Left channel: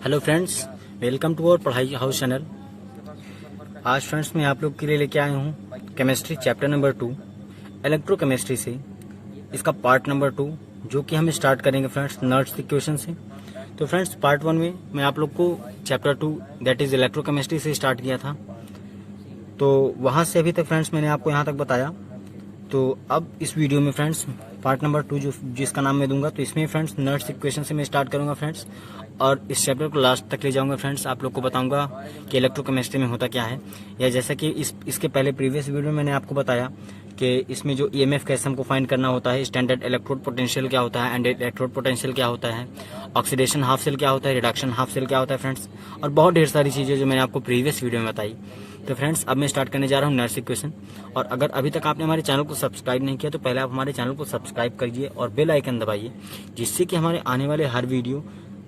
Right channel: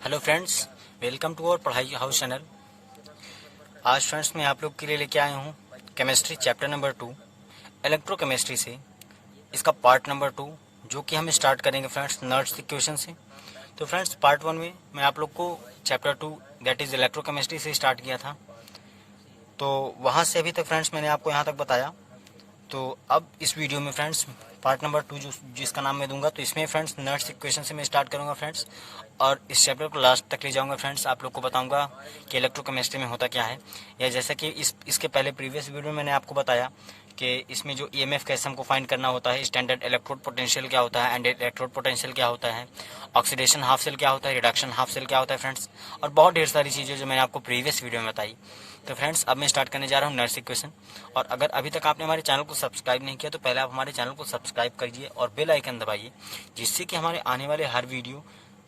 Hello friends, welcome to our Padhai house channel. आज friends मैं आप लोग के लिए लेके आया हूँ केमिस्ट्री चैप्टर नंबर 2 इलेक्ट्रोकेमिस्ट्री से इसका पार्ट नंबर 2 जो कि हम स्टार्ट करेंगे फ्रेंड्स नर्ड्स इक्वेशन से। तो फ्रेंड्स पार्ट 1 में मैं आप लोग को चैप्टर 2 दैट इज़ इलेक्ट्रोकेमिस्ट्री से स्टार्ट किया था, तो वहाँ से अभी तक फ्रेंड्स मैंने आपको यहाँ तक बताया। तो अब इस वीडियो में फ्रेंड्स पार्ट नंबर 2 जिसका नाम मैं दूंगा, तो इसमें फ्रेंड्स नर्ड्स इक्वेशन से मैं स्टार्ट करूंगा फ्रेंड्स, और इस चैप्टर को लास्ट तक ले जाऊंगा फ्रेंड्स। आप लोग को बताऊंगा कि इलेक्ट्रोकेमिस्ट्री में होता क्या है, या जैसा कि इसके पहले प्रीवियस वीडियो में मैंने आपको बताया कि इसमें जो ईएमएफ कैसे हमको फाइंड करना होता है, स्टैंडर्ड इलेक्ट्रोड पोटेंशियल क्या होता है, एंड इलेक्ट्रोड पोटेंशियल क्या होता है, ऑक्सीडेशन हाफ सेल क्या होता है, रिडक्शन हाफ सेल क्या होता है फ्रेंड्स, और बहुत ढेर सारी चीज़ें जो मैंने आपको प्रीवियस वीडियो में बताई। तो फ्रेंड्स अब मैं स्टार्ट करने जा रहा हूँ नर्ड्स इक्वेशन। और अगर अभी तक आपने हमारे चैनल को सब्सक्राइब नहीं किया तो पहले आप हमारे चैनल को सब्सक्राइब करिए और बेल आइकन दबाइए, जिससे कि हमारे आने वाले हर वीडियो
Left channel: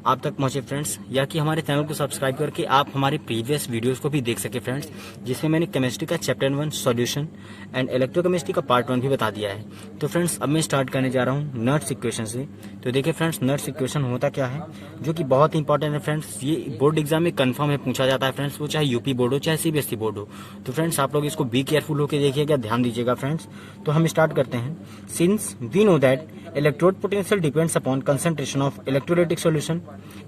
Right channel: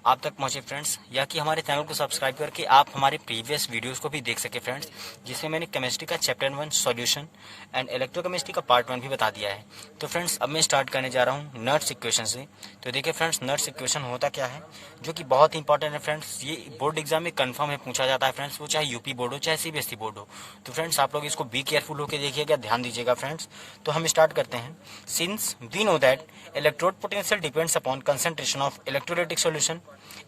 आप तक पहुंचे फ्रेंड्स, या कि हमारे चैनल को सब्सक्राइब करके आप हमारे प्रीवियस वीडियोस को भी देख सके फ्रेंड्स, जिसमें मैंने केमिस्ट्री का चैप्टर 1 सॉल्यूशन एंड इलेक्ट्रोकेमिस्ट्री का पार्ट 1 भी बता दिया है। तो फ्रेंड्स अब मैं स्टार्ट करने जा रहा हूँ नर्ड्स इक्वेशन से। तो देखिए फ्रेंड्स नर्ड्स इक्वेशन होता क्या है, जो कि बहुत इंपॉर्टेंट है फ्रेंड्स। ये बोर्ड एग्जाम में कन्फर्म है पूछा जाता है फ्रेंड्स, वो चाहे यूपी बोर्ड हो चाहे सीबीएसई बोर्ड हो। तो फ्रेंड्स आप लोग इसको बी केयरफुल होकर देखिएगा, ध्यान दीजिएगा फ्रेंड्स। तो हम स्टार्ट करते हैं। Since we know that electrode potential depends upon concentration of electrolytic solution,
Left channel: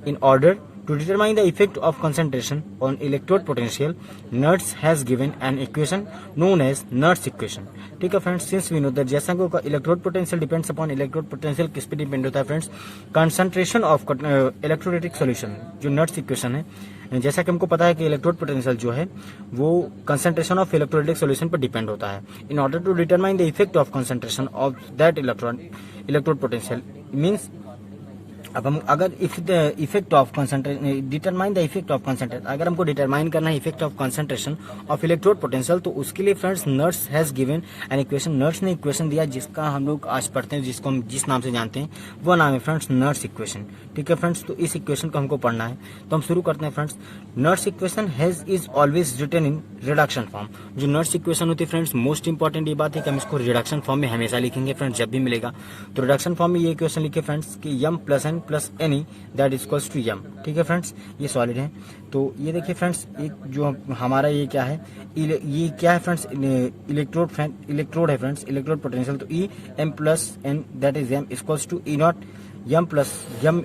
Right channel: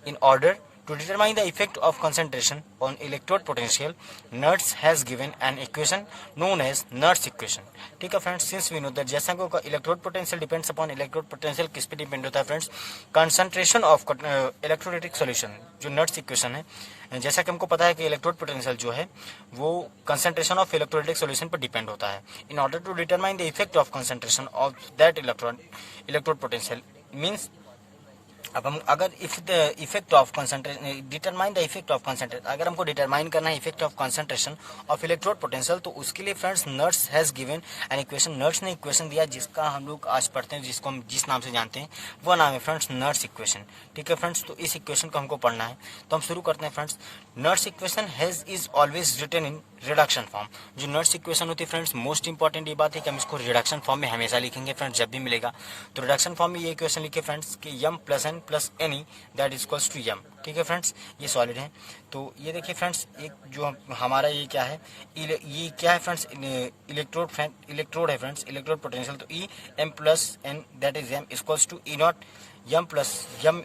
in order to determine the effect of concentration on electrode potential, Nernst has given an equation known as Nernst equation। ठीक है friends, since we know that जैसा कि electrode potential depends upon electrode potential किस पे depend होता है friends, concentration of electrolytic solution. जो Nernst equation है, जैसा कि हमको पता है कि इलेक्ट्रोड पोटेंशियल जो है वो कंसंट्रेशन ऑफ इलेक्ट्रोलाइटिक सॉल्यूशन पर डिपेंड होता है। In order to determine the effect of concentration of that electrode potential means, अब हम अगर effect of concentration determine the effect of concentration, अगर हमको डिटरमाइन करना है effect of concentration of electrode potential, तो उसके लिए friends Nernst has given an equation. Nernst ने इक्वेशन दिया जिसका हम लोग आज पढ़ते हैं, जिसको हम जिस नाम से जानते हैं वो नाम है फ्रेंड्स नर्ड्स इक्वेशन। ठीक है फ्रेंड्स, तो इस इक्वेशन को हमको पढ़ना है, तो हम शुरू करते हैं friends. Nernst equation has is always written in reduction form. जो नर्ड्स इक्वेशन होती है फ्रेंड्स, मोस्ट इंपॉर्टेंट ये बात है कि हम इसको रिडक्शन फॉर्म में हमेशा लिखेंगे फ्रेंड्स, जब भी मिलेगा तो रिडक्शन फॉर्म में ये इक्वेशन लिखे फ्रेंड्स कि M plus N plus any that is equals to M. ठीक है फ्रेंड्स, ये सॉलिड है। तो ये देखिए फ्रेंड्स, एक जो हमारा ये क्या है, ये क्या है फ्रेंड्स, इलेक्ट्रोड है फ्रेंड्स, इलेक्ट्रोड पोटेंशियल। तो E M plus N that is M equals to E nought M plus M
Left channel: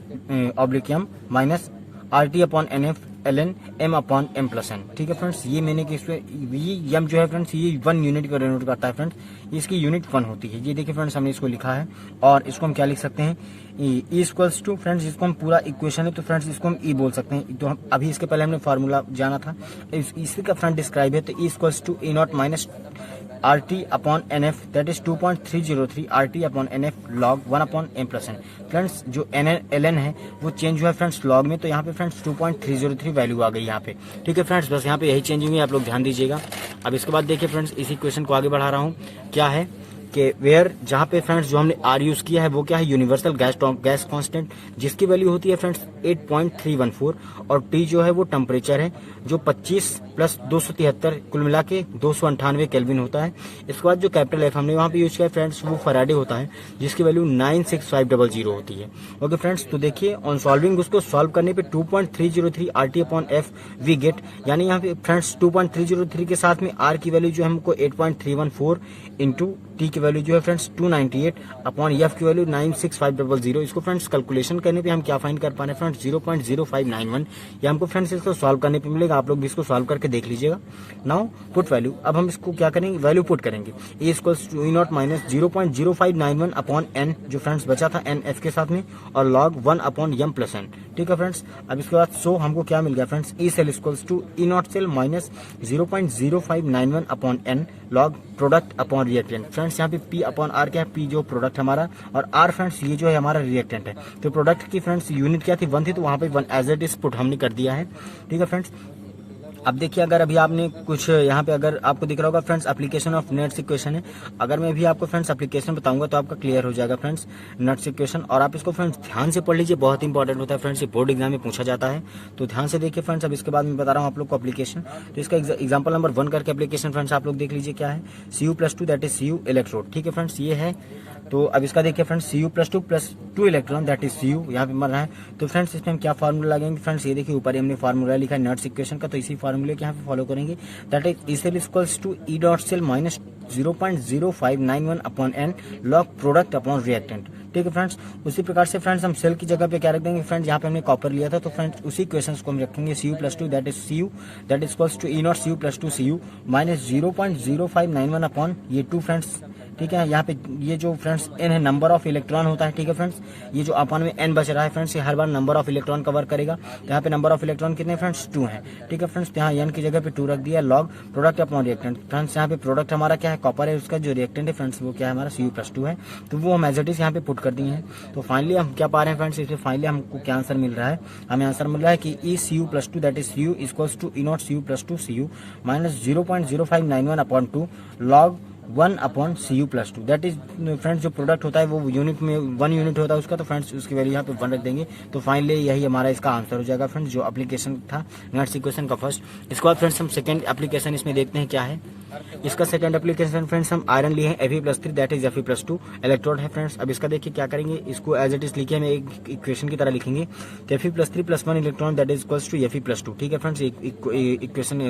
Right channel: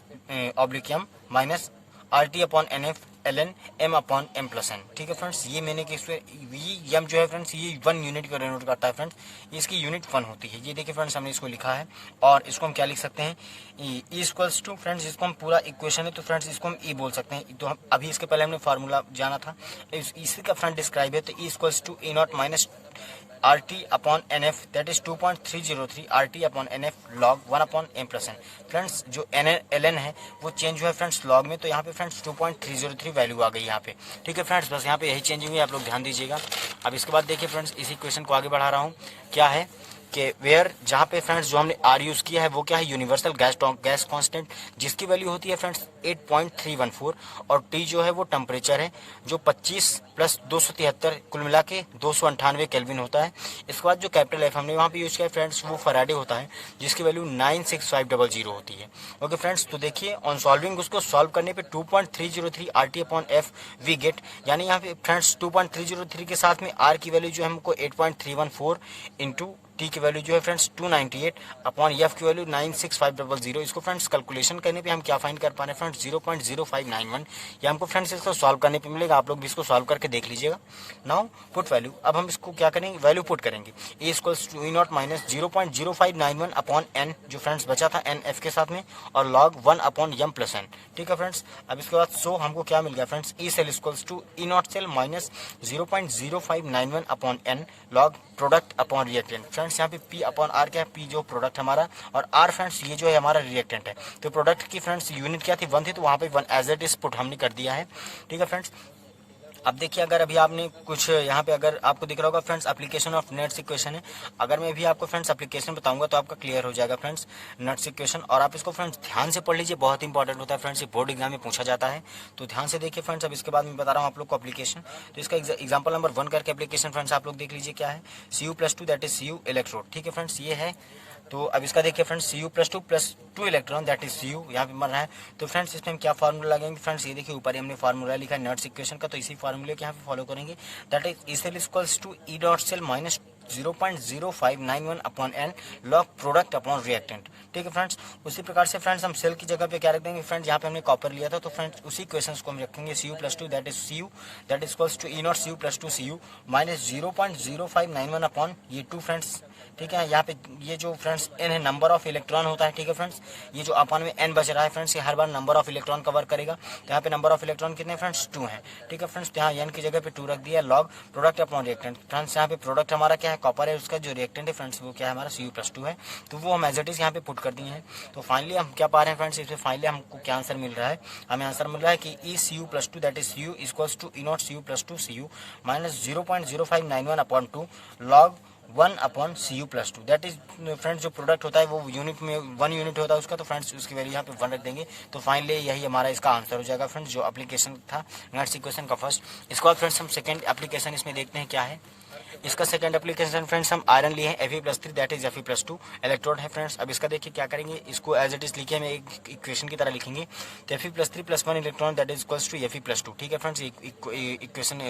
oblique M minus R T upon N F L N M upon M plus N. ठीक है friends, ये मैंने कि ये यम जो है friends ये 1 unit को डिनोट करता है फ्रेंड्स, इसकी यूनिट 1 होती है। ये देखिए फ्रेंड्स, हमने इसको लिखा है, और इसको हम क्या लिख सकते हैं, ई इक्वल्स टू फ्रेंड्स, इसको हम पूरा इक्वेशन है तो फ्रेंड्स इसको हम ई बोल सकते हैं। तो हम अभी इसके पहले हमने फार्मूला जाना था, इसी का फ्रेंड डिस्क्राइब है, तो E equals to E not minus R T upon N F that is 2.303 R T upon N F log 1 upon M plus N. Friends जो एन एल एन है वो चेंज हुआ है फ्रेंड्स लॉग में, तो यहाँ पे फ्रेंड्स 2.303 वैल्यू आ गई यहाँ पे। ठीक है फ्रेंड्स, बस यहाँ पे यही चेंजिंग हुई, आप लोग ध्यान दीजिएगा। अब इसके बाद देखिए फ्रेंड्स, इस इक्वेशन को आगे बढ़ा रहा हूँ। क्या है कि वेयर, जहाँ पे फ्रेंड्स जो हमने आर यूज किया है वो क्या है, यूनिवर्सल गैस कांस्टेंट, जिसकी वैल्यू होती है फ्रेंड्स 8.314, और टी जो है वो टेम्परेचर है जो 25 प्लस 273 कुल मिला के 298 केल्विन होता है। इसके बाद जो कैपिटल एफ हमने वहाँ पे यूज किया है फ्रेंड्स वो फराडे होता है, जिसकी वैल्यू 96500 होती है। ओके फ्रेंड्स, तो देखिए ऑन सॉल्विंग उसको सॉल्व करने पे 2.303 R T upon F we get, यानी यहाँ पे फ्रेंड्स 2.303 के साथ में आर की वैल्यू जो है हमको 8.314 इंटू टी की वैल्यू जो है फ्रेंड्स 298 अपॉन एफ की वैल्यू 96500। इसको फ्रेंड्स कैलकुलेशन करने पे हम क्या फाइंड कर पा रहे हैं फ्रेंड्स 0.0591, या हमको फ्रेंड्स इसको सॉल्व करने पे मिलेगा। आप लोग भी इसको सॉल्व करके देख लीजिएगा। नाउ पुट वैल्यू, अब हम इसको क्या करेंगे, वैल्यू पुट करेंगे। A equals to E not minus 0.0591 upon N जो फ्रेंड्स बचा था एन एफ के साथ में, और log 1 upon M plus N. ठीक है फ्रेंड्स, अब इसके बाद सो हमको क्या मिल गया friends, E cell equals to E not cell minus 0.0591 upon N log product upon reactant. Friends यहाँ पे पी अपॉन आर क्या है, पी जो प्रोडक्ट हमारा, और आर फ्रेंड्स ये जो है हमारा रिएक्टेंट है। तो प्रोडक्ट की फ्रेंड्स यूनिट क्या थी, 1 थी, तो वहाँ पे 1 एज इट इज पुट हमने कर दिया है। ठीक है फ्रेंड्स, अब देखिए, अगर अभी आपने कुछ यहाँ पे अगर आपको दिख रहा होगा फ्रेंड्स एप्लीकेशन ऑफ नट्स इक्वेशन है। अगर मैं भी आपको फ्रेंड्स एप्लीकेशन बताऊंगा तो आपका क्लियर हो जाएगा फ्रेंड्स नट्स इक्वेशन। और आप इसको फ्रेंड्स ध्यान से पढ़ लीजिए, बहुत इंपॉर्टेंट होता है फ्रेंड्स, ये बोर्ड एग्जाम में पूछा जाता है, तो ध्यान से देखिए फ्रेंड्स। अब इसके बाद मैं बता रहा हूँ आप लोग को एप्लीकेशन। तो इसका एग्जाम्पल नंबर 1 करके एप्लीकेशन फ्रेंड्स आप लोग देख लीजिए क्या है। Cu+2 that is Cu electrode, ठीक है फ्रेंड्स, ये है। तो अब इसका देखिए friends Cu+2 electron that is Cu यहाँ पे मर रहा है। तो फ्रेंड्स इसमें हम क्या फार्मूला लगाएंगे फ्रेंड्स, ये देखिए ऊपर हमने फार्मूला लिखा है नट्स इक्वेशन का, तो इसी फार्मूले के यहाँ पे फॉलो करेंगे। That is E cell equals to E dot cell minus 0.0591 upon N log product upon reactant, ठीक है फ्रेंड्स। उसी प्रकार से फ्रेंड्स हम सेल की जगह पे क्या रख देंगे फ्रेंड्स, यहाँ पे हमने कॉपर लिया था, तो फ्रेंड्स उसी क्वेश्चन को हम रखेंगे Cu+2 that is Cu that is equals to E nought Cu+2 Cu minus 0.0591 upon ये 2 फ्रेंड्स, ठीक है। यहाँ पे ये जो फ्रेंड्स एन है नंबर ऑफ इलेक्ट्रॉन होता है, ठीक है फ्रेंड्स। ये जो अपॉन में एन बच रहा है फ्रेंड्स, ये हर बार नंबर ऑफ इलेक्ट्रॉन का वर्क करेगा। तो यहाँ पे नंबर ऑफ इलेक्ट्रॉन कितने फ्रेंड्स 2 है, ठीक है फ्रेंड्स। तो यहाँ एन की जगह पे 2 रख दिया, log product upon reactant. Friends यहाँ पे प्रोडक्ट हमारा क्या है, कॉपर है, उसका जो रिएक्टेंट है फ्रेंड्स वो क्या है हमारा Cu+2 है, तो वो हम एज इट इज यहाँ पे पुट कर दिए हैं। तो फाइनली हम क्या पा रहे हैं फ्रेंड्स, इसमें फाइनली हमको क्या आंसर मिल रहा है, हमें आंसर मिल रहा है कि E Cu+2 that is Cu equals to E nought Cu+2 Cu minus 0.0591 upon 2 log 1 upon Cu+2 that is friends जो प्रोडक्ट होता है वो यूनिट में 1 यूनिट होता है उसका, तो फ्रेंड्स उसकी वैल्यू यहाँ पे 1 रख देंगे। तो फाइनली यही हमारा इसका आंसर हो जाएगा फ्रेंड्स, जो एप्लीकेशन था नट्स इक्वेशन का फर्स्ट। इसके बाद फ्रेंड्स हम सेकंड एप्लीकेशन इसमें देखते हैं क्या है। इसका सेकंड एप्लीकेशन फ्रेंड्स हम आयरन लिए हैं Fe+3 that is Fe+2 electrode है फ्रेंड्स। अब इसका देखिए क्या करेंगे, इसको एज इट इज लिखे हमें एक इक्वेशन की तरह लिखेंगे। तो Fe+3 + 1 electron that is equals to Fe+2, ठीक है फ्रेंड्स, इक्वेशन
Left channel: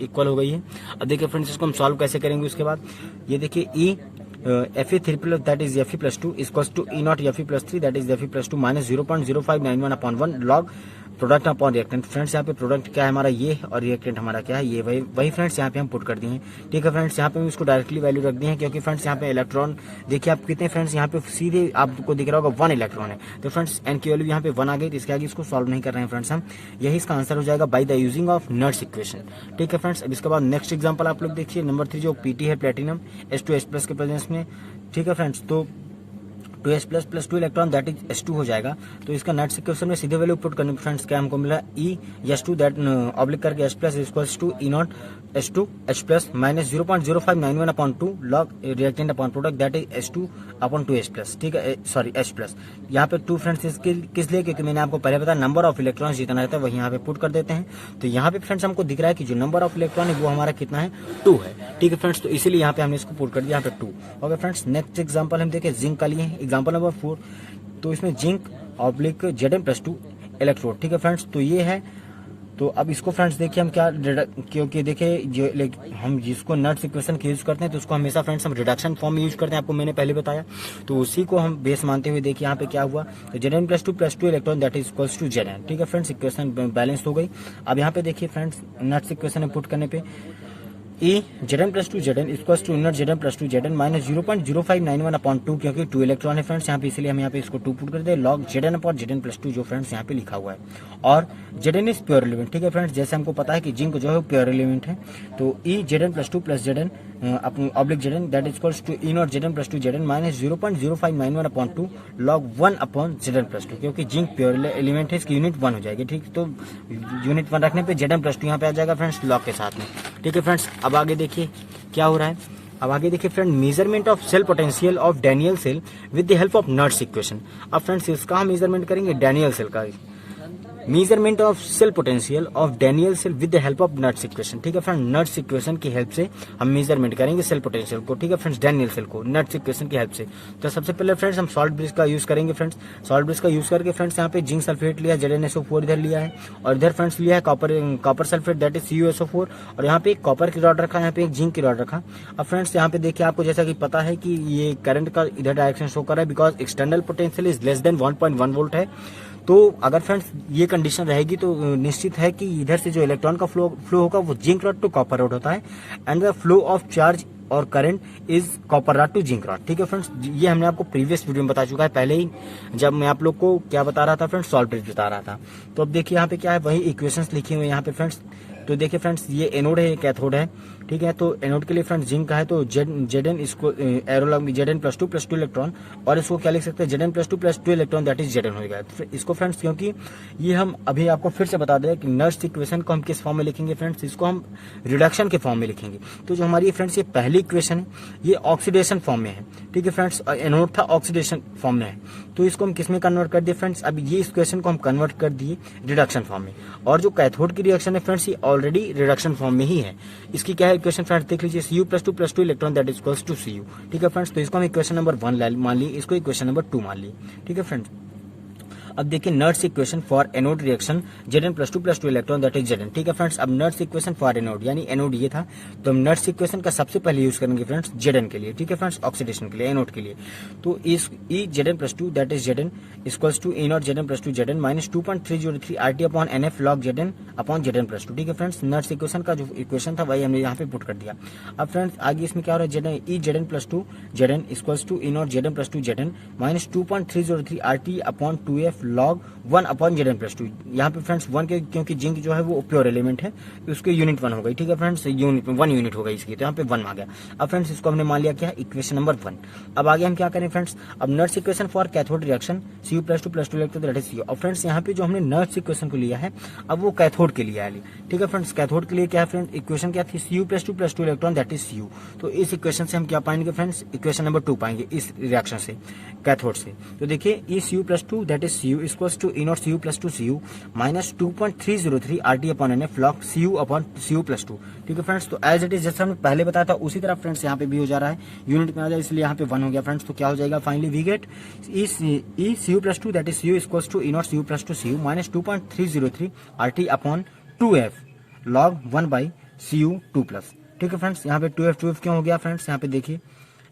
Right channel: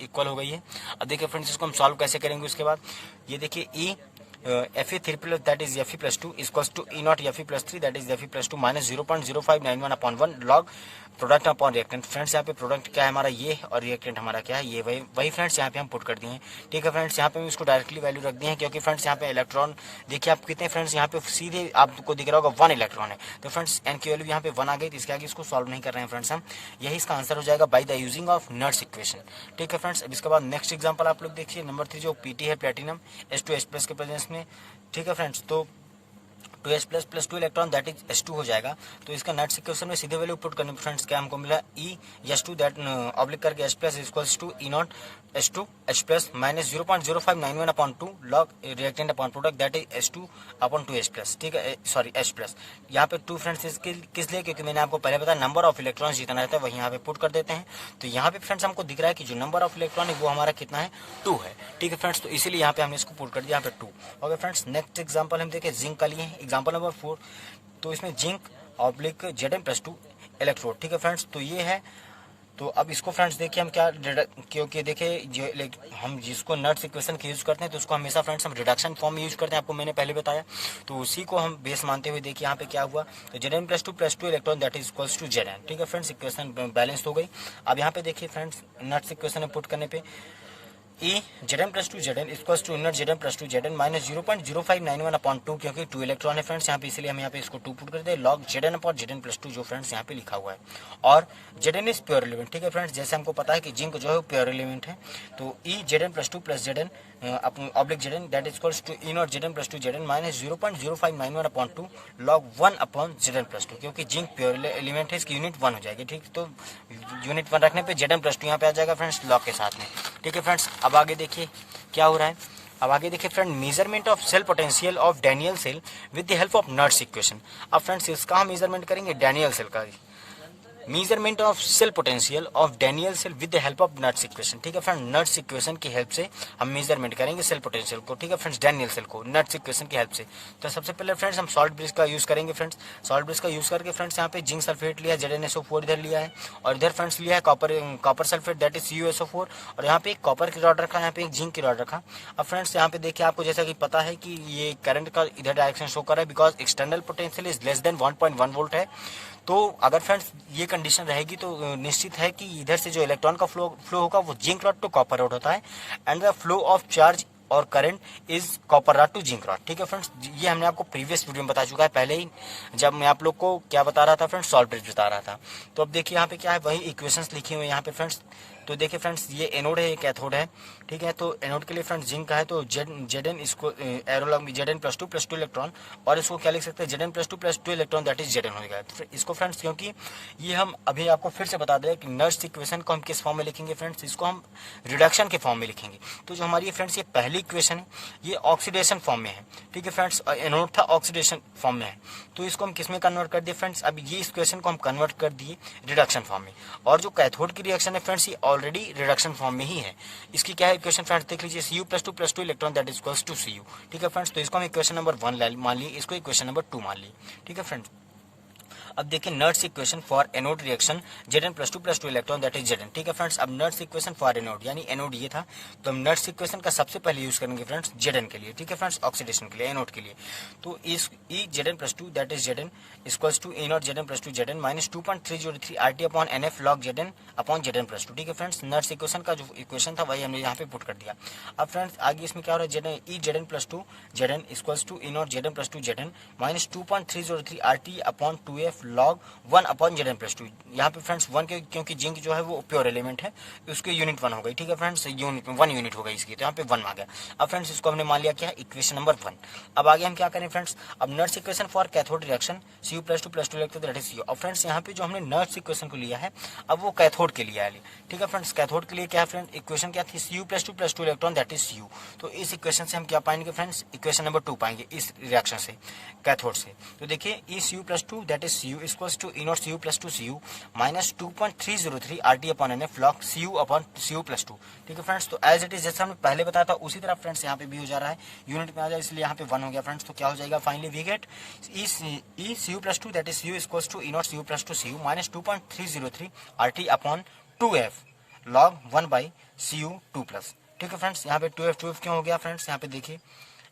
इक्वल हो गई है। अब देखिए फ्रेंड्स इसको हम सॉल्व कैसे करेंगे उसके बाद, ये देखिए E Fe3+ that is Fe+2 equals to E nought Fe+3 that is Fe+2 minus 0.0591 upon 1 log product upon reactant. Friends यहाँ पे प्रोडक्ट क्या है हमारा ये है, और रिएक्टेंट हमारा क्या है ये, वही फ्रेंड्स यहाँ पे हम पुट कर दिए हैं, ठीक है फ्रेंड्स। यहाँ पे हम इसको डायरेक्टली वैल्यू रख दिए हैं, क्योंकि फ्रेंड्स यहाँ पे इलेक्ट्रॉन देखिए आप कितने फ्रेंड्स यहाँ पे सीधे आपको दिख रहा होगा 1 इलेक्ट्रॉन है, तो फ्रेंड्स एन की वैल्यू यहाँ पे 1 आ गई, तो इसके आगे इसको सॉल्व नहीं कर रहे हैं फ्रेंड्स हम, यही इसका आंसर हो जाएगा बाई द यूजिंग ऑफ नट्स इक्वेशन, ठीक है फ्रेंड्स। अब इसके बाद नेक्स्ट एग्जाम्पल आप लोग देखिए नंबर 3 जो पीटी है प्लेटिनम H2H+ के प्रेजेंस में, ठीक है फ्रेंड्स। तो 2H++2 electron that is H2 हो जाएगा। तो इसका नट्स इक्वेशन में सीधे वैल्यू पुट करने फ्रेंड्स क्या हमको मिला, ई H2 दैट ऑब्लिक करके H+ equals to E nought H2H+ minus 0.0591 upon 2 log reactant upon product that is H2 upon 2H+, ठीक है, सॉरी H+। यहाँ पे 2 फ्रेंड्स किस लिए, क्योंकि मैंने आपको पहले बताया नंबर ऑफ इलेक्ट्रॉन जितना रहता है वही यहाँ पे पुट कर देते हैं। तो यहाँ पे फ्रेंड्स हमको दिख रहा है कि जो नंबर ऑफ इलेक्ट्रॉन है वो हमारा कितना है 2 है, ठीक है फ्रेंड्स। तो इसीलिए यहाँ पे हमने इसको पुट कर दिया यहाँ पे 2। ओके फ्रेंड्स, नेक्स्ट एग्जाम्पल हम देखें जिंक का लिए एग्जाम्पल नंबर 4। तो इसमें जिंक ऑब्लिक Zn+2 इलेक्ट्रोड, ठीक है फ्रेंड्स। तो ये है, तो अब इसको फ्रेंड्स देखिए हम क्या, क्योंकि देखिए जो हम जिसको नट्स इक्वेशन की यूज करते हैं तो उसको हमेशा फ्रेंड्स हम रिडक्शन फॉर्म में यूज करते हैं, आपको मैंने पहले बताया। तो उसी को हम बेस मानते हुए देखिए यहाँ पे क्या हुआ, तो Zn+2 electron that is equals to Zn, ठीक है फ्रेंड्स, इक्वेशन बैलेंस हो गई। अब यहाँ पे देखिए फ्रेंड्स नट्स इक्वेशन में पुट करने पे E Zn+2 Zn equals to nought Zn+2 Zn minus 0.0591 upon 2, क्योंकि 2 इलेक्ट्रॉन है फ्रेंड्स यहाँ पे, इसलिए हम यहाँ पे इसको 2 पुट कर दे, लॉग Zn अपॉन Zn+2 जो फ्रेंड्स यहाँ पे लिखा हुआ है। और Zn इज प्योर एलिमेंट, ठीक है फ्रेंड्स, जैसे हमको पता है कि जिंक जो है प्योर एलिमेंट है। तो E Zn+2 + Zn oblique Zn that is equals to E nought Zn+2 Zn minus 0.0591 upon 2 log 1 upon Zn+2, क्योंकि जिंक प्योर एलिमेंट है इसकी यूनिट 1 हो जाएगी, ठीक। तो यूनिट 1 रखने पे Zn+2 यहाँ पे आ जाएगा फ्रेंड्स लॉग के साथ में, ठीक है फ्रेंड्स। अब आगे देखिए क्या हो रहा है, अब आगे देखिए friend measurement of cell potential of Daniell cell with the help of नट्स इक्वेशन। अब फ्रेंड्स इसका हम मेजरमेंट करेंगे डैनियल सेल का, measurement of cell potential of Daniell cell with the help of नट्स इक्वेशन, ठीक है फ्रेंड। नट्स इक्वेशन की हेल्प से हम मेजरमेंट करेंगे सेल पोटेंशियल को, ठीक है फ्रेंड्स, डैनियल सेल को नट्स इक्वेशन की हेल्प से। तो सबसे पहले फ्रेंड्स हम सॉल्ट ब्रिज का यूज करेंगे फ्रेंड्स। सॉल्ट ब्रिज का यूज करके फ्रेंड्स यहाँ पे जिंक सल्फेट लिया ZnSO4 इधर लिया है, और इधर फ्रेंड्स लिया है copper sulphate that is CuSO4, और यहाँ पे एक कॉपर की रॉड रखा है, यहाँ पे एक जिंक की रॉड रखा। अब फ्रेंड्स यहाँ पे देखिए आपको जैसा कि पता है कि ये करंट का इधर डायरेक्शन शो कर रहा है, because external potential is less than 1.1 volt है। तो अगर फ्रेंड्स ये कंडीशन रहेगी तो निश्चित है कि इधर से जो इलेक्ट्रॉन का फ्लो होगा वो zinc rod to copper rod होता है, and the flow of charge और current is copper rod to zinc rod, ठीक है फ्रेंड्स। ये हमने आपको प्रीवियस वीडियो में बता चुका है पहले ही, जब मैं आप लोग को क्या बता रहा था फ्रेंड्स, सॉल्ट ब्रिज बता रहा था। तो अब देखिए यहाँ पे क्या है, वही इक्वेशंस लिखी हुई है यहाँ पे फ्रेंड्स। तो देखिए फ्रेंड्स ये एनोड है, ये कैथोड है, ठीक है। तो एनोड के लिए फ्रेंड्स जिंक का है तो जेड इसको एरो लग जेड प्लस टू इलेक्ट्रॉन, और इसको क्या लिख सकते हैं Z plus two electron, that is Z हो गया। तो इसको फ्रेंड्स क्योंकि ये हम अभी आपको फिर से बता दें कि नर्स इक्वेशन को हम किस फॉर्म में लिखेंगे फ्रेंड्स, इसको हम रिडक्शन के फॉर्म में लिखेंगे। तो जो हमारी फ्रेंड्स ये पहली इक्वेशन ये ऑक्सीडेशन फॉर्म में है, ठीक है फ्रेंड्स, एनोड था ऑक्सीडेशन फॉर्म में है, तो इसको हम किस में कन्वर्ट कर दिए फ्रेंड्स, अब ये इक्वेशन को हम कन्वर्ट कर दिए रिडक्शन फॉर्म में। और जो कैथोड की रिएक्शन है फ्रेंड्स ये ऑलरेडी रिडक्शन फॉर्म में ही है। इसकी क्या है इक्वेशन फ्रेंड्स देख लीजिए, Cu plus two electron that is equals to Cu, ठीक है फ्रेंड्स। तो इसको हम इक्वेशन नंबर 1 मान लिए, इसको इक्वेशन नंबर 2 मान लिए, ठीक है फ्रेंड्स। अब देखिए Nernst equation for anode reaction Zn plus two electron that is Zn, ठीक है फ्रेंड्स। अब नर्स इक्वेशन फॉर एनोड यानी एनोड ये था, तो हम नर्स इक्वेशन का सबसे पहले यूज करेंगे फ्रेंड्स Zn के लिए, ठीक है फ्रेंड्स, ऑक्सीडेशन के लिए, एनोड के लिए। तो इस E Zn plus two that is Zn equals to E not Zn plus two Zn minus 2.303 RT upon NF log Zn upon Zn plus two, ठीक है फ्रेंड्स। नर्स इक्वेशन का जो इक्वेशन था वही हमने यहाँ पे पुट कर दिया। अब फ्रेंड्स आगे इसमें क्या हो रहा है, E Zn plus two Zn equals to E not Zn plus two Zn minus 2.303 RT upon 2F log 1 upon Zn plus two. यहाँ पे फ्रेंड्स 1 के क्योंकि जिंक जो है वो प्योर एलिमेंट है, उसके यूनिट 1 हो गई, ठीक है फ्रेंड्स, यूनिट 1 यूनिट हो गई इसकी, तो यहाँ पे 1 आ गया। अब फ्रेंड्स इसको हमने मान लिया क्या, इक्वेशन नंबर 1। अब आगे हम क्या करें फ्रेंड्स, अब Nernst equation for cathode reaction Cu plus two electron that is Cu। अब फ्रेंड्स यहाँ पे जो हमने नर्स इक्वेशन को लिया है अब वो कैथोड के लिए है, ठीक है फ्रेंड्स। कैथोड के लिए क्या फ्रेंड्स इक्वेशन क्या थी, Cu plus two electron that is Cu। तो इस इक्वेशन से हम क्या पाएंगे फ्रेंड्स, इक्वेशन नंबर 2 पाएंगे इस रिएक्शन से, कैथोड से। तो देखिए E Cu plus two that is Cu equals to E not Cu plus two Cu minus 2.303 RT upon NF log Cu upon Cu plus two, ठीक है फ्रेंड्स। तो as it is जैसा हमने पहले बताया था उसी तरह फ्रेंड्स यहाँ पे भी हो जा रहा है, यूनिट में आ जाए इसलिए यहाँ पे 1 हो गया फ्रेंड्स। तो क्या हो जाएगा finally we get E Cu plus two that is Cu equals to E not Cu plus two Cu minus 2.303 RT upon 2F log 1 by Cu 2 plus, ठीक है फ्रेंड्स। यहाँ पे 2F क्यों हो गया फ्रेंड्स, यहाँ पे देखिए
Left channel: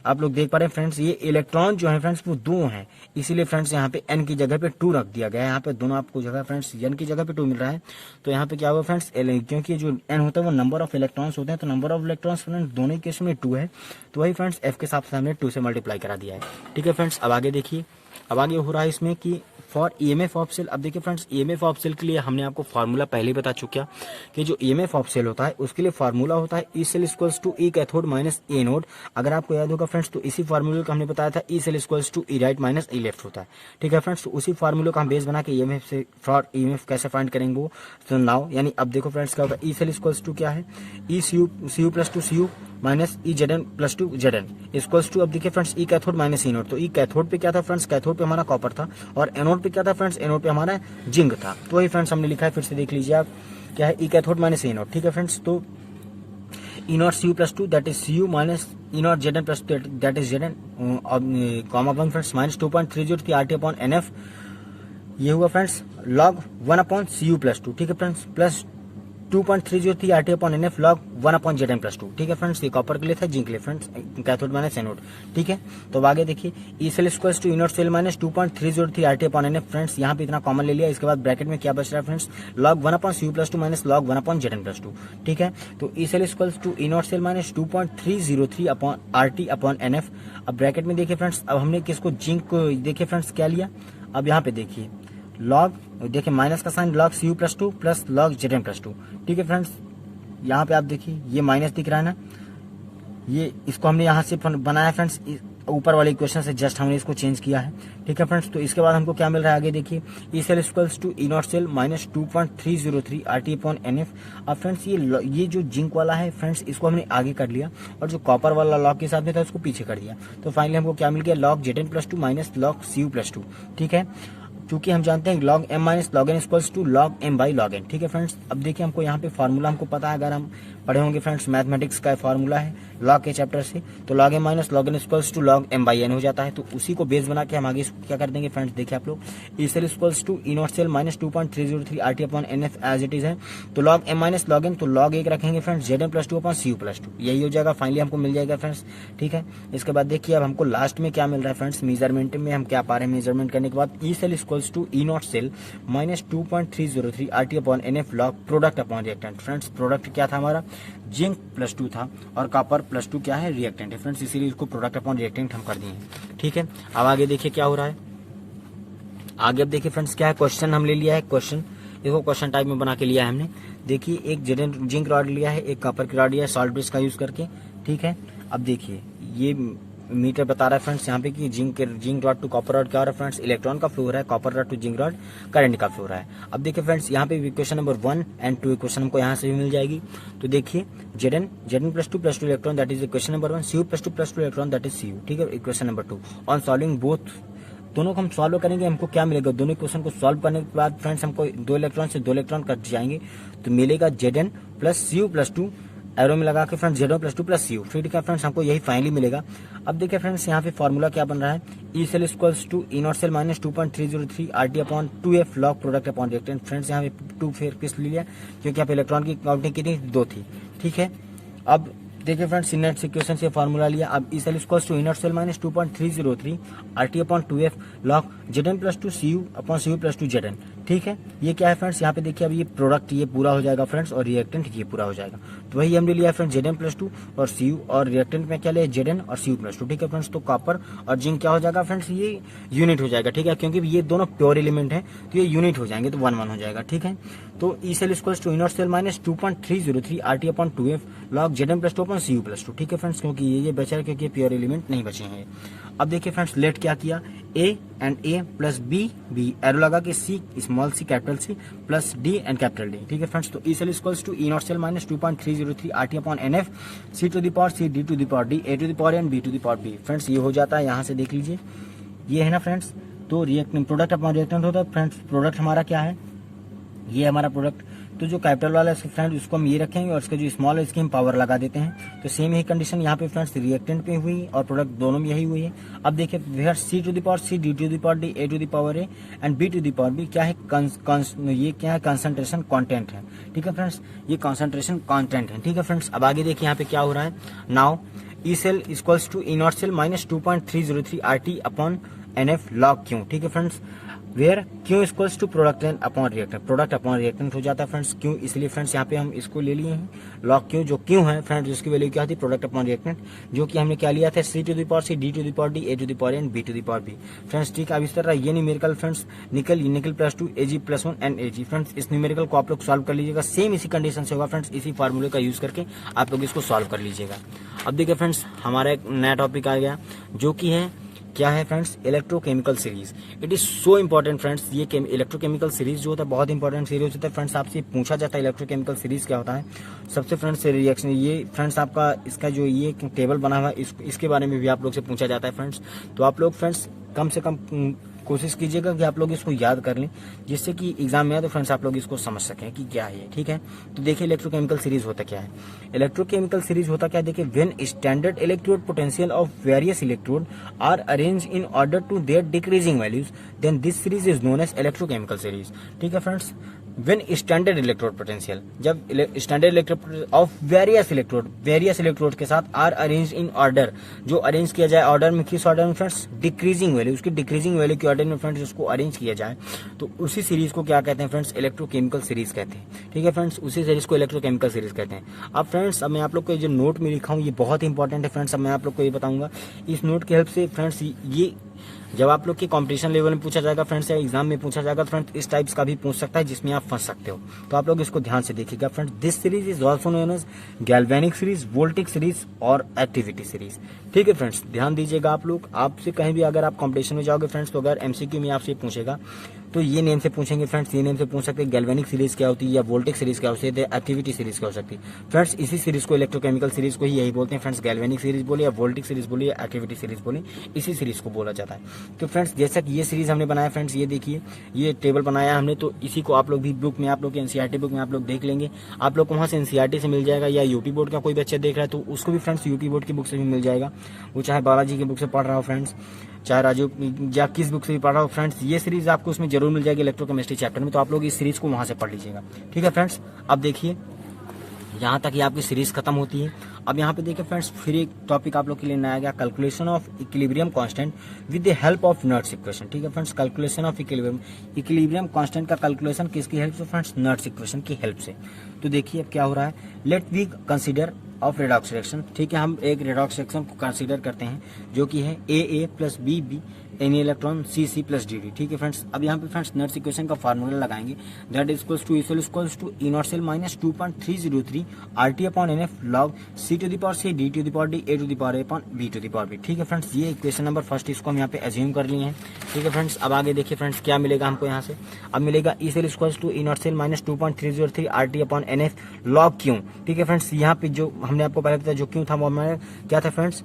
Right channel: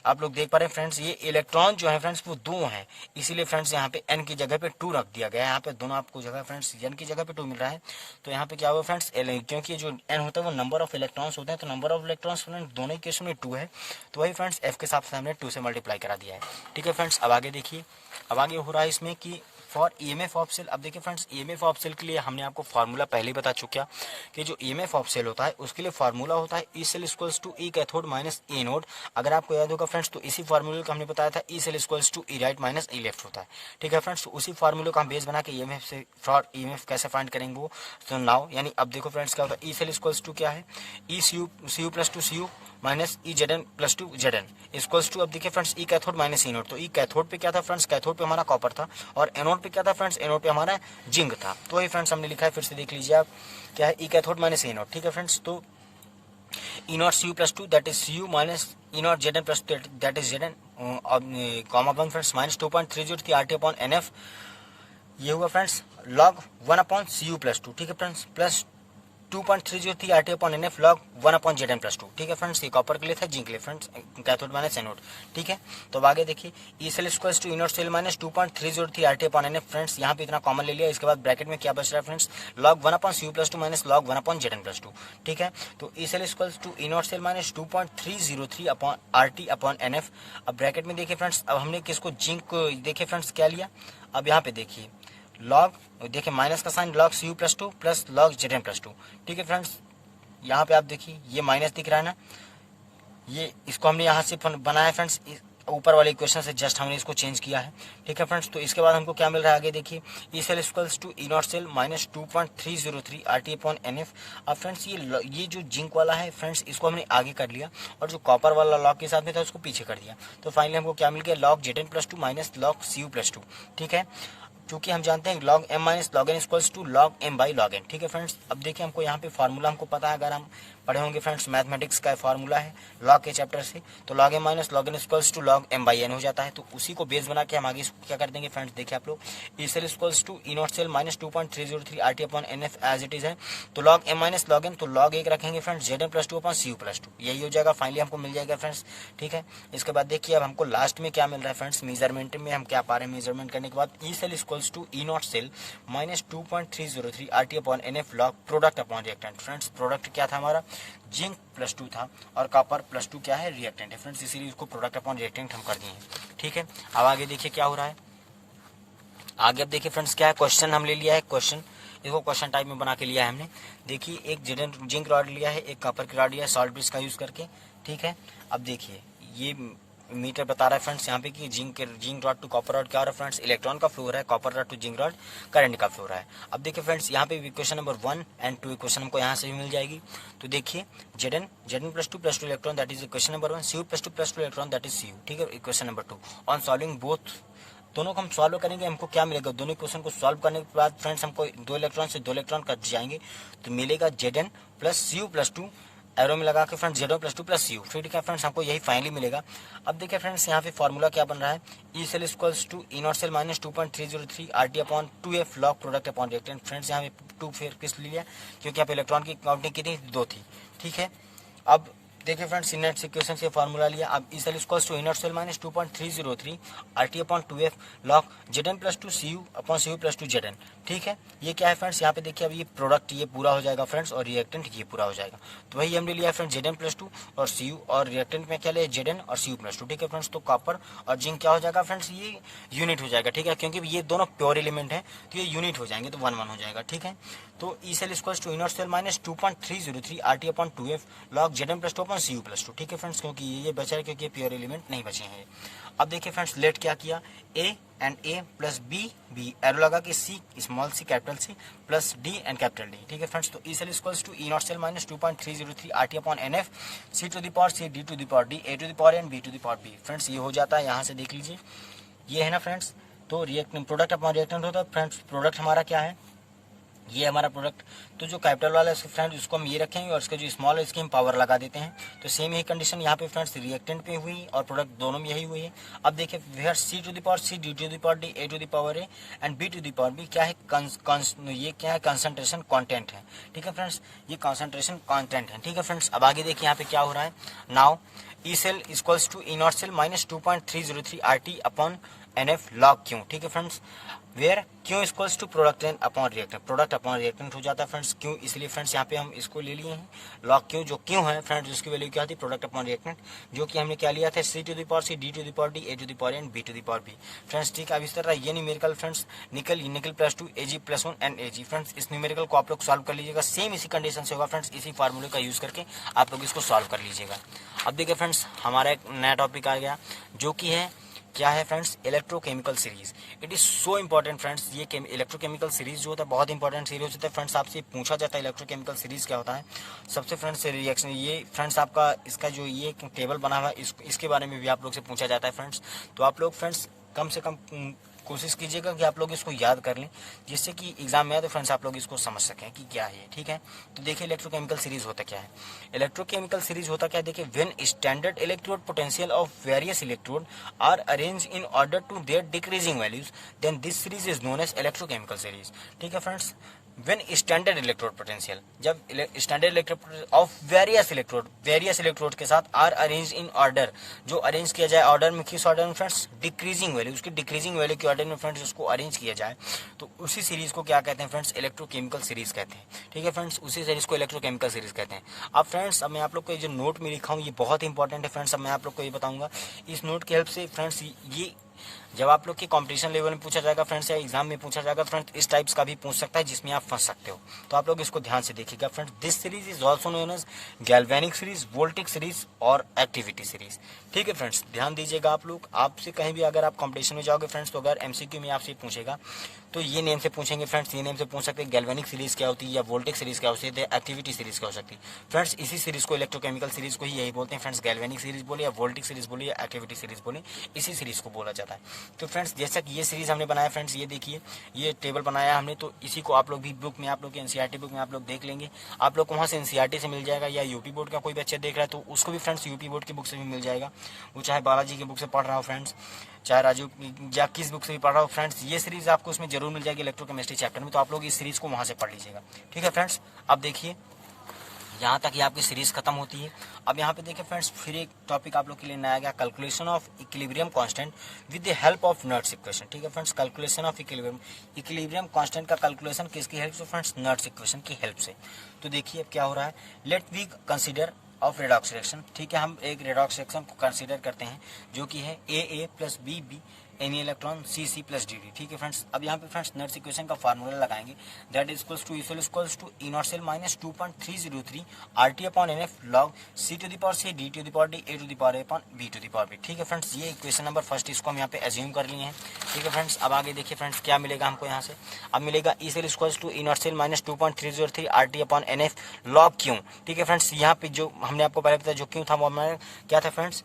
आप लोग देख पा रहे हैं फ्रेंड्स ये इलेक्ट्रॉन जो है फ्रेंड्स वो 2 हैं, इसीलिए फ्रेंड्स यहाँ पे n की जगह पे 2 रख दिया गया है। यहाँ पे दोनों आपको जगह फ्रेंड्स n की जगह पे 2 मिल रहा है, तो यहाँ पे क्या हुआ फ्रेंड्स क्योंकि जो n होता है वो नंबर ऑफ इलेक्ट्रॉन्स होते हैं, तो नंबर ऑफ इलेक्ट्रॉन्स फ्रेंड्स दोनों केस में 2 है, तो वही फ्रेंड्स f के साथ हमने 2 से मल्टीप्लाई करा दिया है, ठीक है फ्रेंड्स। अब आगे देखिए, अब आगे हो रहा है इसमें कि फॉर EMF ऑफ सेल। अब देखिए फ्रेंड्स EMF ऑफ सेल के लिए हमने आपको फार्मूला पहले ही बता चुका कि जो EMF ऑफ सेल होता है उसके लिए फार्मूला होता है E cell equals to E cathode minus anode. अगर आपको याद होगा फ्रेंड्स तो इसी फार्मूले का हमने बताया था E cell equals to E right minus E left होता है, ठीक है फ्रेंड्स। तो उसी फार्मूले का हम बेस बना के EMF से फॉर EMF कैसे फाइंड करेंगे वो, तो नाउ यानी अब देखो फ्रेंड्स क्या होता है, ई सेल इक्वल्स टू क्या है, E Cu plus two Cu minus E Zn plus two Zn equals to, अब देखिए friends E cathode minus E anode. तो ई कैथोड पे क्या था फ्रेंड्स, कैथोड पे हमारा कॉपर था, और एनोड पे क्या था फ्रेंड्स, एनोड पे हमारा जिंक था। तो वही फ्रेंड्स हमने लिखा है, फिर से देख लीजिए आप क्या है, E cathode minus E node, ठीक है फ्रेंड्स। तो E not Cu plus two that is Cu minus E not Zn plus that is Zn comma 1 friends minus 2.303 RT upon NF, ये हुआ friends log 1 upon Cu plus two, ठीक है friends, plus 2.303 RT upon NF log 1 upon Zn plus two, ठीक है friends. ये copper के लिए था, जिंक के लिए फ्रेंड्स, कैथोड माइनस एनोड, ठीक है। तो अब आगे देखिए E cell square to E not cell minus 2.303 RT upon NF friends, यहाँ पे इतना कॉमन ले लिया। इसके बाद ब्रैकेट में क्या बच रहा है friends, log 1 upon Cu plus two minus log 1 upon Zn plus two, ठीक है। तो E cell square to E not cell minus 2.303 upon RT upon NF। अब ब्रैकेट में देखिए फ्रेंड्स, अब हमने किसको जिंक को देखिए फ्रेंड्स क्या लिया, अब यहाँ पे देखिए लॉग देखिए माइनस का sign log Cu plus two plus log Zn plus two, ठीक है फ्रेंड्स। यहाँ पे आप देखिए ये माइनस दिख रहा है ना, ये इसको हमने यहाँ से बनाया फ्रेंड्स, ऊपर वाले इक्वेशन से जस्ट हमने इसको चेंज किया है, ठीक है फ्रेंड्स। तो इसके बाद हमको क्या मिल रहा है आगे देखिए, E cell equals to E not cell minus 2.303 RT upon NF। अब फ्रेंड्स ये जो जिंक वाला है फ्रेंड्स इसको हमने आगे कर लिया, और जो कॉपर वाला लॉग के साथ में था उसको पीछे कर दिया। तो फाइनली हमको क्या मिल गया, log Zn plus two minus log Cu plus two, ठीक है। क्योंकि हम जानते हैं log m minus log n equals to log m by log n, ठीक है फ्रेंड्स। अब देखिए हमको यहाँ पे फार्मूला हमको पता है, अगर हम पढ़े होंगे फ्रेंड्स मैथमेटिक्स का फार्मूला है log के चैप्टर से, तो log m minus log n equals to log m by n हो जाता है। तो उसी को बेस बना के हम आगे क्या कर देंगे फ्रेंड्स, देखिए आप लोग E cell equals to E not cell minus 2.303 RT upon NF as it is है। तो log m minus log n, तो log 1 रखेंगे friends Zn plus two upon Cu plus two, यही हो जाएगा फाइनली हमको मिल जाएगा फ्रेंड्स, ठीक है। इसके बाद देखिए अब हमको लास्ट में क्या मिल रहा है फ्रेंड्स, मेजरमेंट में हम क्या पा रहे हैं, मेजरमेंट करने के बाद E cell equals to E not minus 2.303 RT upon NF log product upon reactant. Friends product क्या था हमारा, जिंक प्लस टू था, और कॉपर प्लस टू क्या है, रिएक्टेंट है फ्रेंड्स, इसीलिए इसको प्रोडक्ट अपॉन रिएक्टेंट हम कर दिए, ठीक है। अब आगे देखिए क्या हो रहा है, आगे अब देखिए फ्रेंड्स क्या है, क्वेश्चन हम ले लिया है, क्वेश्चन देखो क्वेश्चन टाइप में बना के लिया है हमने। देखिए एक जिंक रॉड लिया है, एक कॉपर की रॉड लिया है सॉल्ट ब्रिज का यूज करके, ठीक है। अब देखिए ये मीटर बता रहा है फ्रेंड्स यहाँ पे कि zinc rod to copper rod क्या हो रहा है फ्रेंड्स, इलेक्ट्रॉन का फ्लो हो रहा है, copper rod to zinc rod current का फ्लो हो रहा है। अब देखिए फ्रेंड्स यहाँ पे इक्वेशन नंबर 1 एंड 2 इक्वेशन हमको यहाँ से भी मिल जाएगी। तो देखिए Zn +2 electron that is equation number 1, Cu +2 electron that is Cu, ठीक है। Equation number 2 on solving both, दोनों को हम सॉल्व करेंगे, हमको क्या मिलेगा, दोनों क्वेश्चन को सॉल्व करने के बाद फ्रेंड्स हमको 2 इलेक्ट्रॉन से 2 इलेक्ट्रॉन कट जाएंगे तो मिलेगा Zn + Cu +2 एरो में लगा के फ्रेंड्स Zn +2 + Cu, फिर क्या फ्रेंड्स हमको यही फाइनली मिलेगा। अब देखिए फ्रेंड्स यहाँ पे फॉर्मूला क्या बन रहा है, E cell equals to E not cell minus 2.303 RT/2F log product upon reactant. Friends यहाँ पे 2 फिर किस लिया क्योंकि यहाँ पे इलेक्ट्रॉन की काउंटिंग कितनी 2 थी, ठीक है। अब देखिए फ्रेंड्स नेट इक्वेशन से फार्मूला लिया। अब E cell equals to E not cell minus 2.303 RT/2F log Zn +2 Cu/Cu +2 Zn, ठीक है। ये क्या है फ्रेंड्स, यहाँ पे देखिए अब ये प्रोडक्ट ये पूरा हो जाएगा फ्रेंड्स और रिएक्टेंट ये पूरा हो जाएगा। तो वही हमने लिया फ्रेंड्स Zn +2 और Cu, और रिएक्टेंट में क्या लिया Zn और Cu +2, ठीक है फ्रेंड्स। तो कॉपर और जिंक क्या हो जाएगा फ्रेंड्स, ये यूनिट हो जाएगा, ठीक है, क्योंकि ये दोनों प्योर एलिमेंट है तो ये यूनिट हो जाएंगे तो 1 हो जाएगा, ठीक है। तो E cell equals to E not cell minus 2.303 RT/2F log Zn +2 Cu +2, ठीक है फ्रेंड्स, क्योंकि ये बचा है क्योंकि प्योर एलिमेंट नहीं बचे हैं। अब देखिए फ्रेंड्स लेट क्या किया, A and A plus B arrow लगा के C small c capital C plus D and capital D, ठीक है फ्रेंड्स। तो E cell equals to E not cell minus 2.303 RT/NF C to the power C D to the power D A to the power N B to the power B। Friends ये हो जाता है, यहाँ से देख लीजिए ये है ना फ्रेंड्स। तो रिएक्टेंट प्रोडक्ट अपॉन रिएक्टेंट होता है फ्रेंड्स, प्रोडक्ट हमारा क्या है, ये हमारा प्रोडक्ट। तो जो कैपिटल वाला है फ्रेंड उसको हम ये रखेंगे और इसका जो स्मॉल है इसकी हम पावर लगा देते हैं। तो सेम यही कंडीशन यहाँ पे फ्रेंड्स रिएक्टेंट पे हुई और प्रोडक्ट दोनों में यही हुई है। अब देखिए where C to the power C D to the power D A to the power A and B to the power B क्या है, ये क्या है, कंसंट्रेशन कांटेंट है, ठीक है फ्रेंड्स, ये कंसंट्रेशन कांटेंट है, ठीक है फ्रेंड्स। अब आगे देखिए यहाँ पे क्या हो रहा है, now E cell equals to E not cell minus 2.303 RT/NF log Q, ठीक है friends, where Q equals to product upon reactant, product upon reactant हो जाता है फ्रेंड्स Q, इसलिए फ्रेंड्स यहाँ पे हम इसको ले लिए हैं लॉग Q। जो Q है फ्रेंड्स इसकी वैल्यू क्या थी, प्रोडक्ट अपॉन रिएक्टेंट, जो कि हमने क्या लिया था C to the power C D to the power D A to the power N B to the power B friends, ठीक है। अब इस तरह ये न्यूमेरिकल फ्रेंड्स निकल +2 Ag +1 एंड Ag फ्रेंड्स, इस न्यूमेरिकल को आप लोग सॉल्व कर लीजिएगा, सेम इसी कंडीशन से होगा फ्रेंड्स, इसी फार्मूले का यूज करके आप लोग इसको सॉल्व कर लीजिएगा। अब देखिए फ्रेंड्स हमारा एक नया टॉपिक आ गया जो कि है क्या है friends, electrochemical series. It is so important friends, ये इलेक्ट्रोकेमिकल सीरीज जो होता है बहुत इंपॉर्टेंट सीरीज होता है फ्रेंड्स। आपसे पूछा जाता है इलेक्ट्रोकेमिकल सीरीज क्या होता है। सबसे फ्रेंड्स रिएक्शन ये फ्रेंड्स आपका इसका जो ये टेबल बना हुआ है इसके बारे में भी आप लोग से पूछा जाता है फ्रेंड्स। तो आप लोग फ्रेंड्स कम से कम कोशिश कीजिएगा कि आप लोग इसको याद कर लें, जिससे कि एग्जाम में आए तो फ्रेंड्स आप लोग इसको समझ सकें कि क्या है, ठीक है। तो देखिए इलेक्ट्रोकेमिकल सीरीज होता क्या है, इलेक्ट्रोकेमिकल सीरीज होता क्या है, देखिए when standard electrode potential of various electrode are arrange in order to their decreasing values then this series is known as electrochemical series, ठीक है friends. When standard electrode potential, जब standard electrode of various electrode के साथ are arrange in order, जो arrange किया जाए order में, किस ऑर्डर में फ्रेंड्स, डिक्रीजिंग वैल्यू, उसकी डिक्रीजिंग वैल्यू के ऑर्डर में फ्रेंड्स उसको अरेंज किया जाए, तो उसी सीरीज को क्या कहते हैं फ्रेंड्स, इलेक्ट्रोकेमिकल सीरीज कहते हैं, ठीक है फ्रेंड्स। उसी सीरीज को इलेक्ट्रोकेमिकल सीरीज कहते हैं। अब फ्रेंड्स अब मैं आप लोग को जो नोट में लिखा हूँ ये बहुत इंपॉर्टेंट है फ्रेंड्स। अब मैं आप लोग को ये बताऊंगा, इस नोट की हेल्प से फ्रेंड्स ये जब आप लोग के कंपटीशन लेवल में पूछा जाएगा फ्रेंड्स या एग्जाम में पूछा जाएगा फ्रेंड्स, इस टाइप्स का भी पूछ सकता है जिसमें आप फंस सकते हो। तो आप लोग इसको ध्यान से देखिएगा friends. This series is also known as galvanic series, voltaic series और एक्टिविटी सीरीज, ठीक है फ्रेंड्स। ध्यान दीजिएगा आप लोग, आपसे कहीं भी अगर आप कंपटीशन में जाओगे फ्रेंड्स तो अगर एमसीक्यू में आपसे पूछेगा तो ये नेम से पूछेंगे फ्रेंड्स, ये नेम से पूछ सकते हैं गैल्वेनिक सीरीज क्या होती है या वोल्टिक सीरीज क्या होती है, एक्टिविटी सीरीज क्या हो सकती है फ्रेंड्स। इसी सीरीज को इलेक्ट्रोकेमिकल सीरीज को ही यही बोलते हैं फ्रेंड्स, गैल्वेनिक सीरीज बोले या वोल्टिक सीरीज बोले या एक्टिविटी सीरीज बोले, इसी सीरीज को बोला जाता है। तो फ्रेंड्स जैसा कि ये सीरीज हमने बनाया फ्रेंड्स, ये देखिए ये टेबल बनाया हमने, तो इसी को आप लोग भी बुक में, आप लोग के एनसीईआरटी बुक में आप लोग देख लेंगे, आप लोग को वहाँ से एनसीईआरटी से मिल जाएगा, या यूपी बोर्ड का कोई बच्चा देख रहा है तो उसको भी फ्रेंड्स यूपी बोर्ड की बुक से भी मिल जाएगा, वो चाहे बालाजी की बुक से पढ़ रहा हो फ्रेंड्स, चाहे राजू या किस बुक से भी पढ़ रहा हो फ्रेंड्स, ये सीरीज आपको उसमें जरूर मिल जाएगी इलेक्ट्रोकेमिस्ट्री चैप्टर में। तो आप लोग इस सीरीज को वहाँ से पढ़ लीजिएगा, ठीक है फ्रेंड्स। अब देखिए यहाँ तक ही आपकी सीरीज खत्म होती है। अब यहाँ पे देखिए फ्रेंड्स, फिर एक टॉपिक आप लोग के लिए नया गया, calculation of equilibrium constant with the help of Nernst equation. ठीक है friends, calculation of equilibrium constant का कैलकुलेशन किसकी हेल्प से फ्रेंड्स? नर्ट्स इक्वेशन की हेल्प से। तो देखिए अब क्या हो रहा है, let we consider of redox reaction. ठीक है, हम एक रेडॉक्स रिएक्शन को कंसीडर करते हैं जो कि है AA plus BB any electron CC plus DD। ठीक है फ्रेंड्स, अब यहाँ पे फ्रेंड्स नर्ट्स इक्वेशन का फार्मूला लगाएंगे, that is equals to E cell equals to E naught cell minus 2.303 RT upon NF log C to the power C D to the power D A to the power A upon B to the power B। ठीक है friends, ये equation number first, इसको हम यहाँ पे assume कर लिए हैं। ठीक है फ्रेंड्स, अब आगे देखिए फ्रेंड्स क्या मिलेगा हमको यहाँ से। अब मिलेगा E cell equals to E naught cell minus 2.303 RT upon NF log Q। ठीक है फ्रेंड्स, यहाँ पे जो हमने आपको पहले बताया जो Q था वो हमारा क्या था फ्रेंड्स?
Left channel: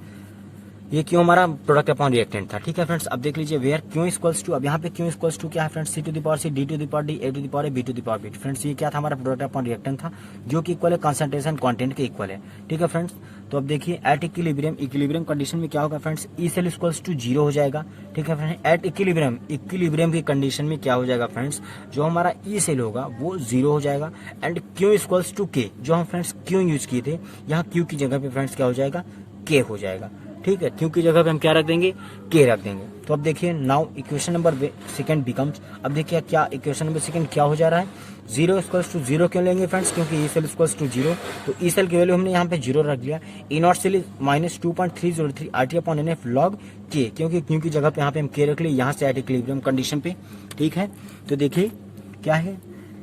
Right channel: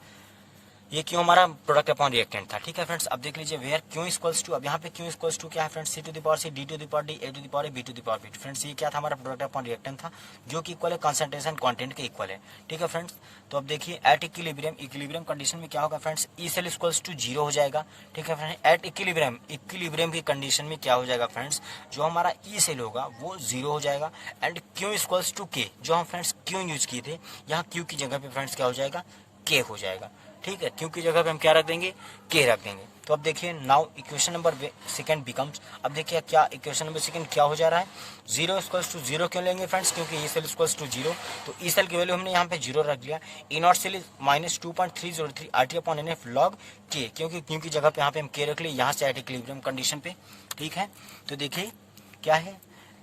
ये क्यों हमारा प्रोडक्ट अपॉन रिएक्टेंट था। ठीक है फ्रेंड्स, अब देख लीजिए वेयर क्यू इक्वल्स टू, अब यहाँ पे क्यू इक्वल्स टू क्या है friends? C to the power C D to the power D A to the power A B to the power B। Friends ये क्या था? हमारा प्रोडक्ट अपॉन रिएक्टेंट था जो कि इक्वल है कंसंट्रेशन कंटेंट के इक्वल है। ठीक है फ्रेंड्स, तो अब देखिए एट इक्विलिब्रियम कंडीशन में क्या होगा friends? E cell equals to 0 हो जाएगा। ठीक है फ्रेंड्स, एट इक्विलिब्रियम की कंडीशन में क्या हो जाएगा फ्रेंड्स? जो हमारा E सेल होगा वो 0 हो जाएगा and Q equals to K, जो हम फ्रेंड्स क्यू यूज किए थे, यहाँ क्यू की जगह पे फ्रेंड्स क्या हो जाएगा? K हो जाएगा। ठीक है, क्यू की जगह पे हम क्या रख देंगे? K रख देंगे। तो अब देखिए now equation number second becomes, अब देखिए क्या इक्वेशन नंबर सेकंड क्या हो जा रहा है? 0 इक्वल्स टू 0 क्यों लेंगे फ्रेंड्स? क्योंकि E सेल इक्वल्स टू 0, तो E सेल की वैल्यू हमने यहाँ पे 0 रख लिया। E naught cell minus 2.303 RT upon NF log K, क्योंकि क्यू की जगह पे यहाँ पे हम K रख लिए, यहाँ से एट इक्विलिब्रियम कंडीशन पे। ठीक है, तो देखिए क्या है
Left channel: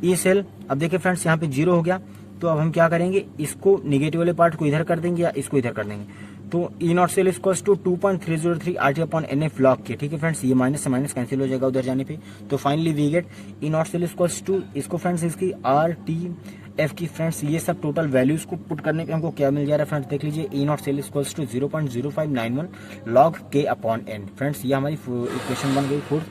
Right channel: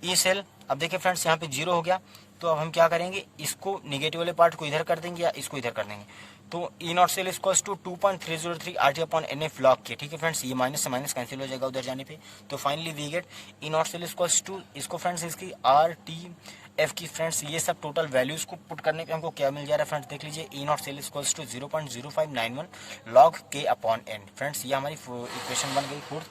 E सेल, अब देखिए फ्रेंड्स यहाँ पे 0 हो गया, तो अब हम क्या करेंगे? इसको निगेटिव वाले पार्ट को इधर कर देंगे या इसको इधर कर देंगे। तो E naught cell equals to 2.303 RT upon NF log K. ठीक है फ्रेंड्स, ये माइनस से माइनस कैंसिल हो जाएगा उधर जाने पे। तो finally we get E naught cell equals to, इसको फ्रेंड्स इसकी RTF की फ्रेंड्स ये सब टोटल वैल्यूज को पुट करने पे हमको क्या मिल जा रहा है फ्रेंड्स? देख लीजिए E naught cell equals to 0.0591 log K upon N। Friends ये हमारी इक्वेशन बन गई फोर्थ।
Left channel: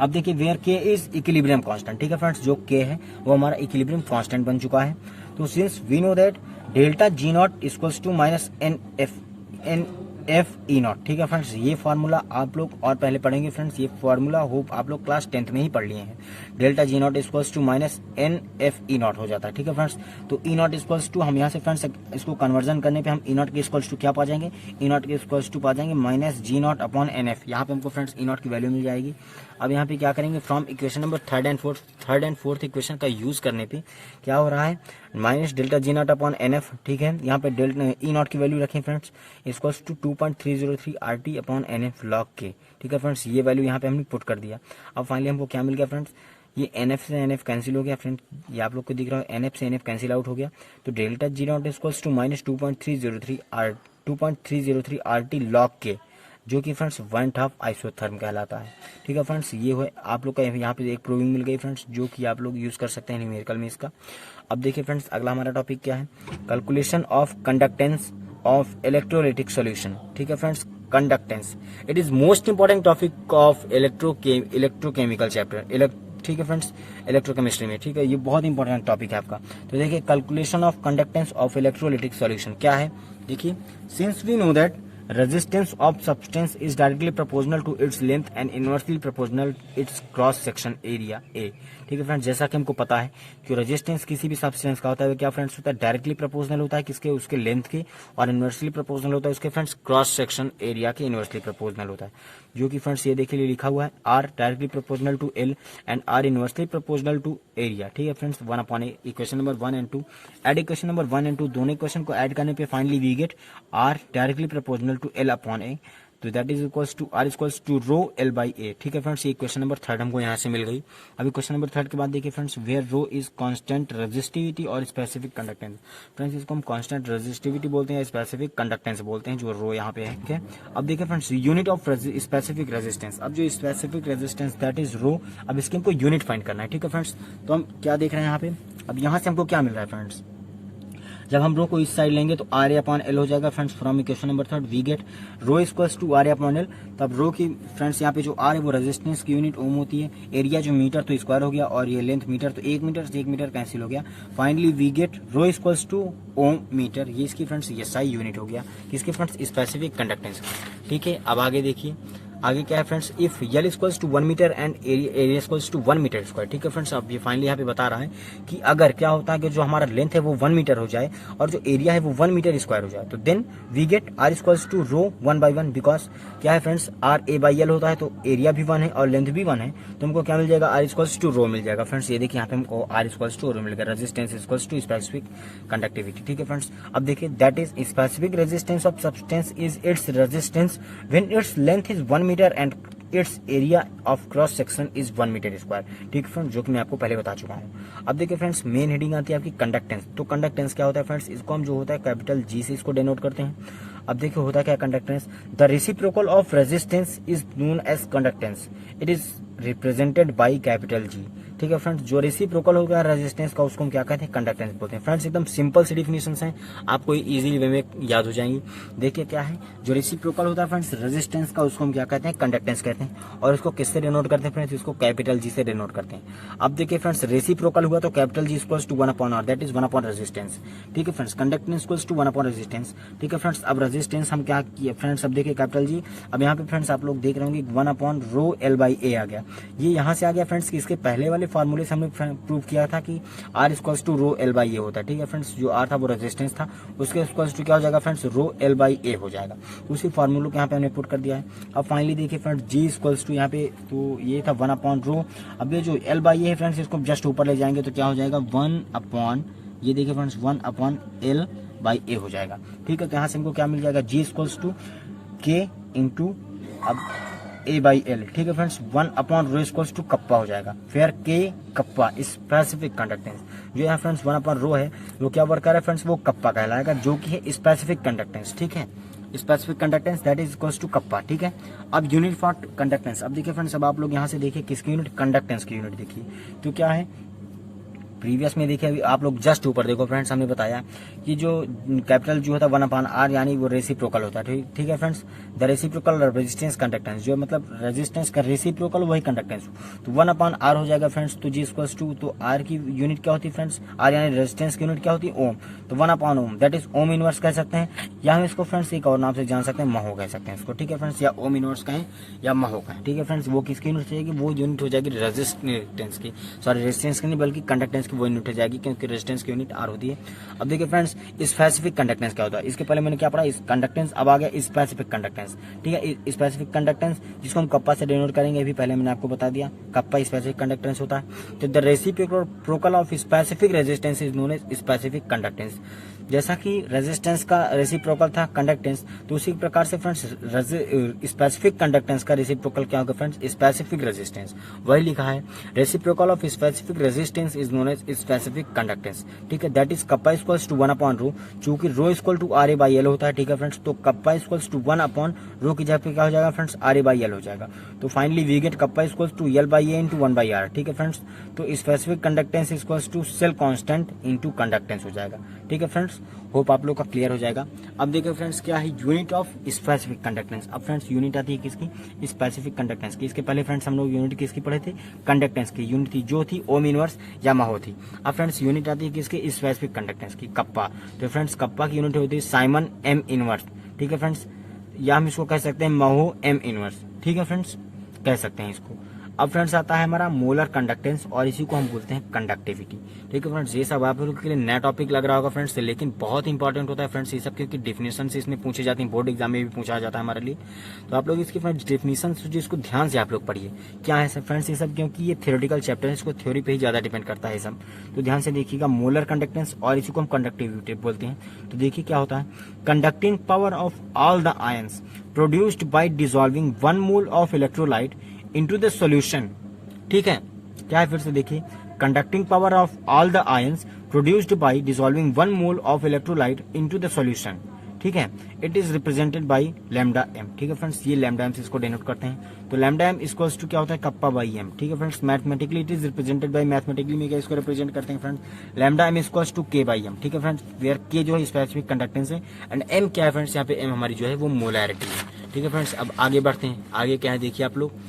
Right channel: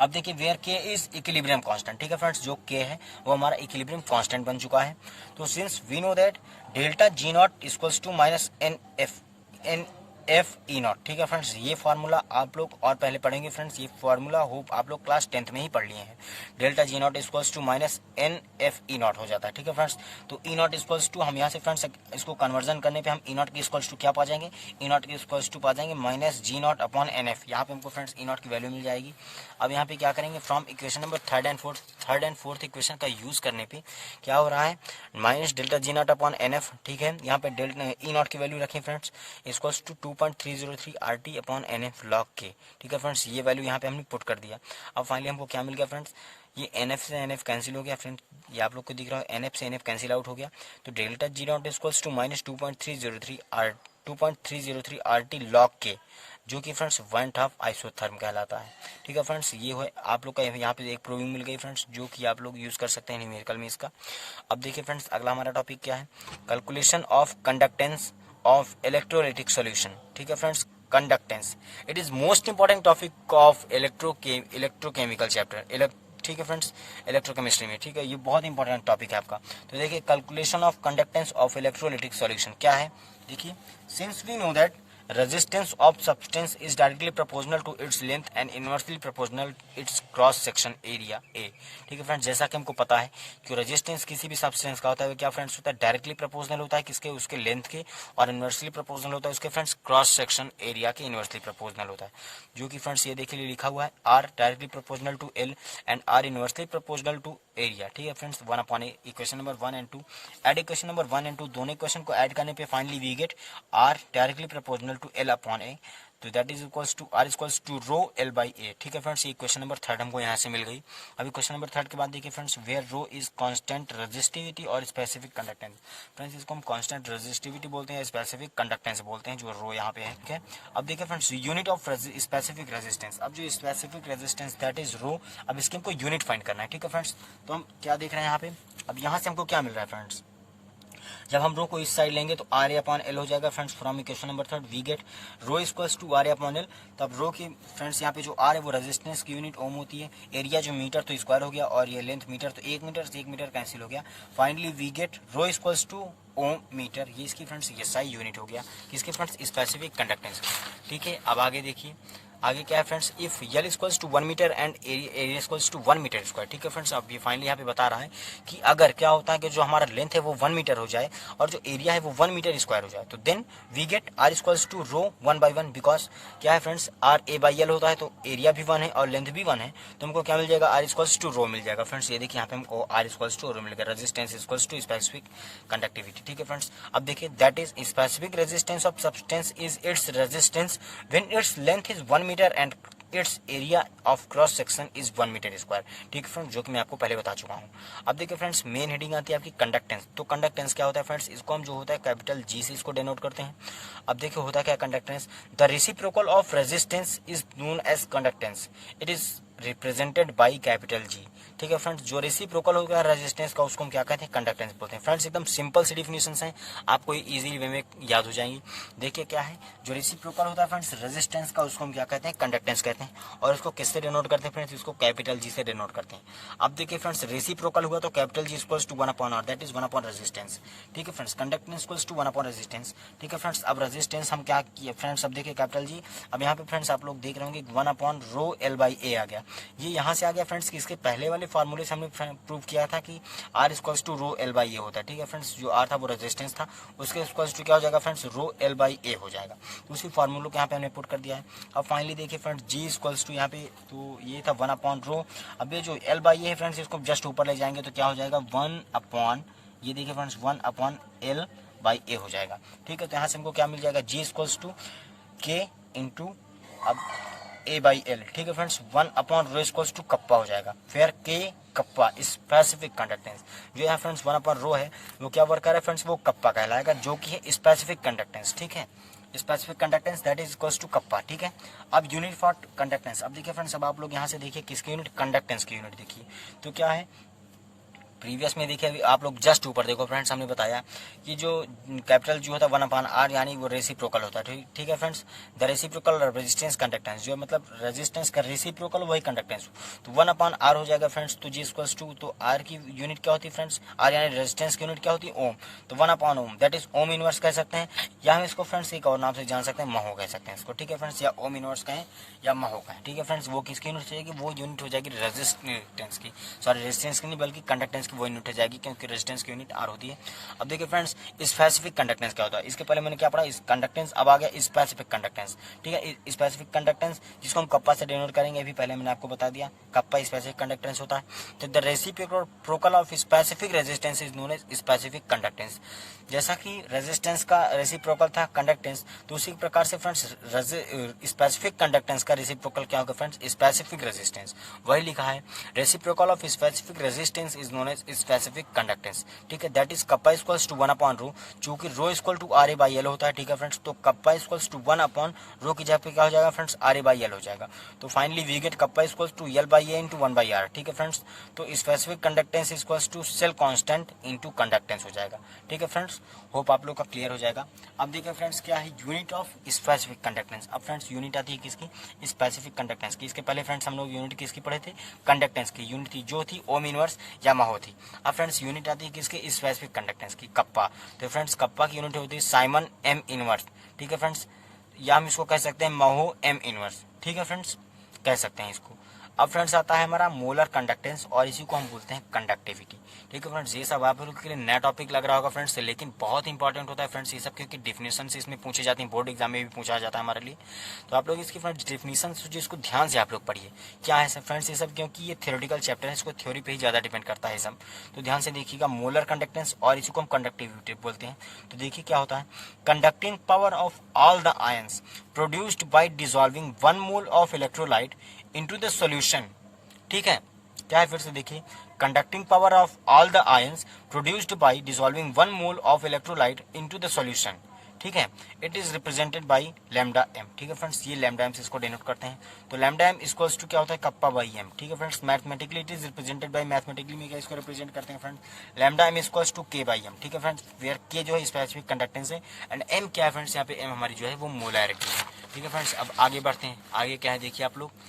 अब देखिए where K is equilibrium constant. ठीक है फ्रेंड्स, जो K है वो हमारा इक्विलिब्रियम कांस्टेंट बन चुका है। तो since we know that delta G naught equals to minus NF E naught. ठीक है फ्रेंड्स, ये फार्मूला आप लोग और पहले पढ़ेंगे फ्रेंड्स, ये फार्मूला होप आप लोग क्लास 10th में ही पढ़ लिए हैं। Delta G naught equals to minus NF E naught हो जाता है। ठीक है फ्रेंड्स, तो E नॉट इक्वल्स टू हम यहाँ से फ्रेंड्स इसको कन्वर्जन करने पे हम E नॉट के इक्वल्स टू क्या पा जाएंगे? E नॉट के इक्वल्स टू पा जाएंगे minus G not upon NF। यहाँ पे हमको फ्रेंड्स E नॉट की वैल्यू मिल जाएगी। अब यहाँ पे क्या करेंगे? From equation number third and fourth equation का यूज करने पे क्या हो रहा है? Minus delta G not upon NF। ठीक है, यहाँ पे E नॉट की वैल्यू रखें friends, equals to 2.303 RT upon NF log K। ठीक है फ्रेंड्स, ये वैल्यू यहाँ पे हमने पुट कर दिया। अब फाइनली हमको क्या मिल गया फ्रेंड्स? ये NF से NF कैंसिल हो गया फ्रेंड्स, ये आप लोग को दिख रहा है NF से NF कैंसिल आउट हो गया। तो delta G naught equals to minus 2.303 RT log K, जो कि फ्रेंड्स 1/2 आइसोथर्म कहलाता है। ठीक है फ्रेंड्स, ये है आप लोग का यहाँ पे एक प्रूविंग मिल गई फ्रेंड्स, जो कि आप लोग यूज कर सकते हैं न्यूमेरिकल में इसका। अब देखिए फ्रेंड्स अगला हमारा टॉपिक क्या है? Calculation of conductance of electrolytic solution. ठीक है friends, conductance it is most important topic of electrochemical chapter. ठीक है फ्रेंड्स, इलेक्ट्रोकेमिस्ट्री में। ठीक है, ये बहुत इंपॉर्टेंट टॉपिक है आपका। तो देखिए calculation of conductance of electrolytic solution क्या है? देखिए, since we know that resistance of substance is directly proportional to its length and inversely proportional its cross section area A। ठीक है फ्रेंड्स, जैसा कि हमको पता है कि रेजिस्टेंस किसी भी सब्सटेंस का होता है वो क्या फ्रेंड्स होता है? डायरेक्टली प्रोपोर्शनल होता है किसके? उसके लेंथ के, और इनवर्सली प्रोपोर्शनल होता है उसके फ्रेंड्स क्रॉस सेक्शन एरिया के इनवर्सली प्रोपोर्शनल होता है, जो कि फ्रेंड्स ये देखिए लिखा हुआ है R directly proportional to L and R inversely proportional to area. ठीक है friends, 1/A। Equation number 1 and 2 add equation number 1 and 2 दोनों इक्वेशन को ऐड करने पे finally we get R directly proportional to L upon A, तो that is equals to R equals to rho L by A। ठीक है friends, ये question number 3 हमको यहाँ से मिल गई। अभी क्वेश्चन नंबर 3 के बाद देखिए friends, where rho is constant resistivity और स्पेसिफिक कंडक्टेंस। फ्रेंड्स इसको हम कांस्टेंट रेजिस्टिविटी बोलते हैं, स्पेसिफिक कंडक्टेंस बोलते हैं, जो रो यहाँ पे है। ठीक है, अब देखिए friends unit of specific resistance. अब जो स्पेसिफिक रेजिस्टेंस दैट इज रो, अब इसकी हमको यूनिट फाइंड करना है। ठीक है फ्रेंड्स, तो हम क्या देख रहे हैं यहाँ पे? अब यहाँ से हमको क्या मिल रहा है फ्रेंड्स? जब हम रो को इस साइड लेंगे तो RA अपॉन L हो जाएगा friends. From equation number 3 we get rho equals to RA upon L। तब रो की फ्रेंड्स यहाँ पे जो R है वो रेजिस्टेंस की यूनिट ओम होती है, एरिया जो मीटर तो स्क्वायर हो गया, और ये लेंथ मीटर, तो 1 मीटर से 1 मीटर कैंसिल हो गया। Finally we get rho equals to ohm metre, ये इसकी फ्रेंड्स ये SI यूनिट हो गया, इसके फ्रेंड्स स्पेसिफिक कंडक्टेंस। ठीक है, अब आगे देखिए, आगे क्या है friends, if L equals to 1 metre and area equals to 1 metre square. ठीक है फ्रेंड्स, अब ये फाइनली यहाँ पे बता रहा है कि अगर क्या होता है कि जो हमारा लेंथ है वो 1 मीटर हो जाए और जो एरिया है वो 1 मीटर स्क्वायर हो जाए, तो then we get R equals to rho 1/1। Because क्या है friends, R A by L होता है तो एरिया भी 1 है और लेंथ भी 1 है, तो हमको क्या मिल जाएगा, आर इक्वल्स टू रो मिल जाएगा। फ्रेंड्स ये देखिए यहाँ पे हमको आर इक्वल्स टू रो मिल गया, resistance equals to specific conductivity. ठीक है फ्रेंड्स, अब देखिए that is specific resistance of substance is its resistance when its length is 1 metre and its area of cross section is 1 metre square. ठीक है friends, जो कि मैं आपको पहले बता चुका हूँ। अब देखिए फ्रेंड्स, मेन हेडिंग आती है आपकी कंडक्टेंस। तो कंडक्टेंस क्या होता है फ्रेंड्स, इसको हम जो होता है कैपिटल जी से इसको डिनोट करते हैं। अब देखिए होता क्या conductance, the reciprocal of resistance is known as conductance, it is represented by capital G. ठीक है फ्रेंड्स, जो रेसिप्रोकल हो गया रेजिस्टेंस का उसको हम क्या कहते हैं, कंडक्टेंस बोलते हैं। फ्रेंड्स एकदम सिंपल सी डिफिनेशंस हैं, आपको इजीली वे में याद हो जाएंगी। देखिए क्या है, जो रेसिप्रोकल होता है फ्रेंड्स रेजिस्टेंस का उसको हम क्या कहते हैं, कंडक्टेंस कहते हैं। और इसको किससे डिनोट करते हैं फ्रेंड्स, इसको कैपिटल जी से डिनोट करते हैं। अब देखिए फ्रेंड्स, रेसिप्रोकल हुआ तो capital G equals to 1/r, that is 1 upon resistance. ठीक है friends, conductance equals to 1 upon resistance. ठीक है फ्रेंड्स, अब रेजिस्टेंस हम क्या किए फ्रेंड्स, अब देखिए कैपिटल जी, अब यहाँ पे फ्रेंड्स आप लोग देख रहे होंगे 1 अपॉन रो एल बाई ए आ गया। ये यहाँ से आ गया फ्रेंड्स कि इसके पहले वाले फॉर्मूले से हमने प्रूव किया था कि R equals to rho L by A होता है। ठीक है फ्रेंड्स, जो आर था वो रेजिस्टेंस था, उसके इक्वल्स टू क्या हो जाएगा फ्रेंड्स, रो एल बाई ए हो जाएगा। तो उसी फॉर्मूले को यहाँ पे हमने पुट कर दिया है। अब फाइनली देखिए फ्रेंड्स, जी इक्वल्स टू यहाँ पे तो ये था 1 अपॉन रो। अब ये जो एल बाई ए है फ्रेंड्स, इसको जस्ट ऊपर ले जाएंगे तो क्या हो जाएगा 1 अपॉन, ये देखिए फ्रेंड्स 1 अपॉन एल बाई ए हो जाएगा। ठीक है, तो यहाँ से हमको क्या मिल जाएगा, G equals to K into अब ए बाई एल। ठीक है friends, 1 upon rho equals to kappa हो जाएगा, फिर के कप्पा स्पेसिफिक कंडक्टेंस जो है फ्रेंड्स 1 अपॉन रो है वो क्या वर्क कर रहा है फ्रेंड्स, वो कप्पा कहलाएगा, जो कि है स्पेसिफिक कंडक्टेंस। ठीक है, specific conductance that is equals to kappa. ठीक है, अब यूनिट फॉर कंडक्टेंस, अब देखिए फ्रेंड्स, अब आप लोग यहाँ से देखिए किसकी यूनिट, कंडक्टेंस की यूनिट देखिए तो क्या है, प्रीवियस में देखिए अभी आप लोग जस्ट ऊपर देखो फ्रेंड्स, हमने बताया कि जो कैपिटल जी होता है 1 अपॉन आर यानी वो रेसिप्रोकल होता है। ठीक है friends, the reciprocal resistance conductance, जो मतलब रेजिस्टेंस का रेसिप्रोकल वही कंडक्टेंस, तो 1 अपॉन आर हो जाएगा फ्रेंड्स। तो जी इक्वल्स टू, तो आर की यूनिट क्या होती है फ्रेंड्स, आर यानी रेजिस्टेंस की यूनिट क्या होती है, ओम, तो 1 upon ohm that is ohm inverse कह सकते हैं, या हम इसको फ्रेंड्स एक और नाम से जान सकते हैं, महो कह सकते हैं इसको। ठीक है फ्रेंड्स, या ओम इनवर्स कहें या महो कहें। ठीक है फ्रेंड्स, वो किसकी यूनिट हो जाएगी, वो यूनिट हो जाएगी रेजिस्टेंस की, सॉरी रेजिस्टेंस की नहीं बल्कि कंडक्टेंस की वो यूनिट हो जाएगी, क्योंकि रेजिस्टेंस की यूनिट आर होती है। अब देखिए फ्रेंड्स, स्पेसिफिक कंडक्टेंस क्या होता है, इसके पहले मैंने क्या पढ़ा, इस कंडक्टेंस, अब आ गया स्पेसिफिक कंडक्टेंस। ठीक है, स्पेसिफिक कंडक्टेंस जिसको हम कप्पा से डिनोट करेंगे, अभी पहले मैंने आपको बता दिया कप्पा स्पेसिफिक कंडक्टेंस होता है। तो the reciprocal of specific resistance is known as specific conductance. जैसा कि रेजिस्टेंस का रेसिप्रोकल था कंडक्टेंस, तो उसी प्रकार से फ्रेंड्स स्पेसिफिक कंडक्टेंस का रेसिप्रोकल क्या होगा फ्रेंड्स, स्पेसिफिक रेजिस्टेंस। वही लिखा है, reciprocal of specific resistance is known as specific conductance. ठीक है, that is kappa equals to 1 upon rho, चूंकि rho equal to R A by L होता है। ठीक है फ्रेंड्स, तो kappa equals to 1 upon rho की जगह पे क्या हो जाएगा friends, R A by L हो जाएगा। तो finally we get kappa equals to L by A into 1 by R. ठीक है फ्रेंड्स, तो specific conductance equals to cell constant into conductance हो जाएगा। ठीक है फ्रेंड्स, होप आप लोग का क्लियर हो जाएगा। अब देखिए फ्रेंड्स, क्या है यूनिट ऑफ स्पेसिफिक कंडक्टेंस। अब फ्रेंड्स यूनिट आती है किसकी, स्पेसिफिक कंडक्टेंस की। इसके पहले फ्रेंड्स हम लोग यूनिट किसकी पढ़े थे, कंडक्टेंस की यूनिट थी, जो थी ओम इनवर्स या महो थी। अब फ्रेंड्स यूनिट आती है किसकी, स्पेसिफिक कंडक्टेंस की, कप्पा। तो फ्रेंड्स कप्पा की यूनिट होती है साइमन एम इनवर्स। ठीक है फ्रेंड्स, या हम इसको कह सकते हैं महो एम इनवर्स। ठीक है फ्रेंड्स, कह सकते हैं इसको। अब फ्रेंड्स आता है हमारा मोलर कंडक्टेंस, और इसी को हम बोलते हैं कंडक्टिविटी। ठीक है फ्रेंड्स, ये सब आप लोगों के लिए नया टॉपिक लग रहा होगा फ्रेंड्स, लेकिन बहुत इंपॉर्टेंट होता है फ्रेंड्स ये सब, क्योंकि डेफिनेशन से इसमें पूछे जाते हैं, बोर्ड एग्जाम में भी पूछा जाता है हमारे लिए। तो आप लोग इसकी फ्रेंड्स डेफिनेशन जो इसको ध्यान से आप लोग पढ़िए क्या है फ्रेंड्स ये सब, क्योंकि ये थ्योरेटिकल चैप्टर है, इसको थ्योरी पे ही ज्यादा डिपेंड करता है सब। तो ध्यान से देखिएगा, मोलर कंडक्टेंस और इसी को हम कंडक्टिविटी बोलते हैं। तो देखिए क्या होता है, conducting power of all the ions produced by dissolving 1 mole of electrolyte into the solution. ठीक है, क्या है फिर से देखिए, conducting power of all the ions produced by dissolving 1 mole of electrolyte into the solution. ठीक है, it is represented by lambda M. ठीक है फ्रेंड्स, ये लैम्डा एम से इसको डिनोट करते हैं। तो लैम्डा एम इक्वल्स टू क्या होता है, कप्पा बाई एम। ठीक है friends, mathematically it is represented by, mathematically में क्या इसको रिप्रेजेंट करते हैं friends, lambda M equals to K by M. ठीक है फ्रेंड्स, वेयर के जो है स्पेसिफिक कंडक्टेंस है एंड एम क्या है फ्रेंड्स, यहाँ पे एम हमारी जो है वो मोलैरिटी है। ठीक है फ्रेंड्स, अब आगे बढ़ते हैं, आगे क्या है देखिए आप लोग,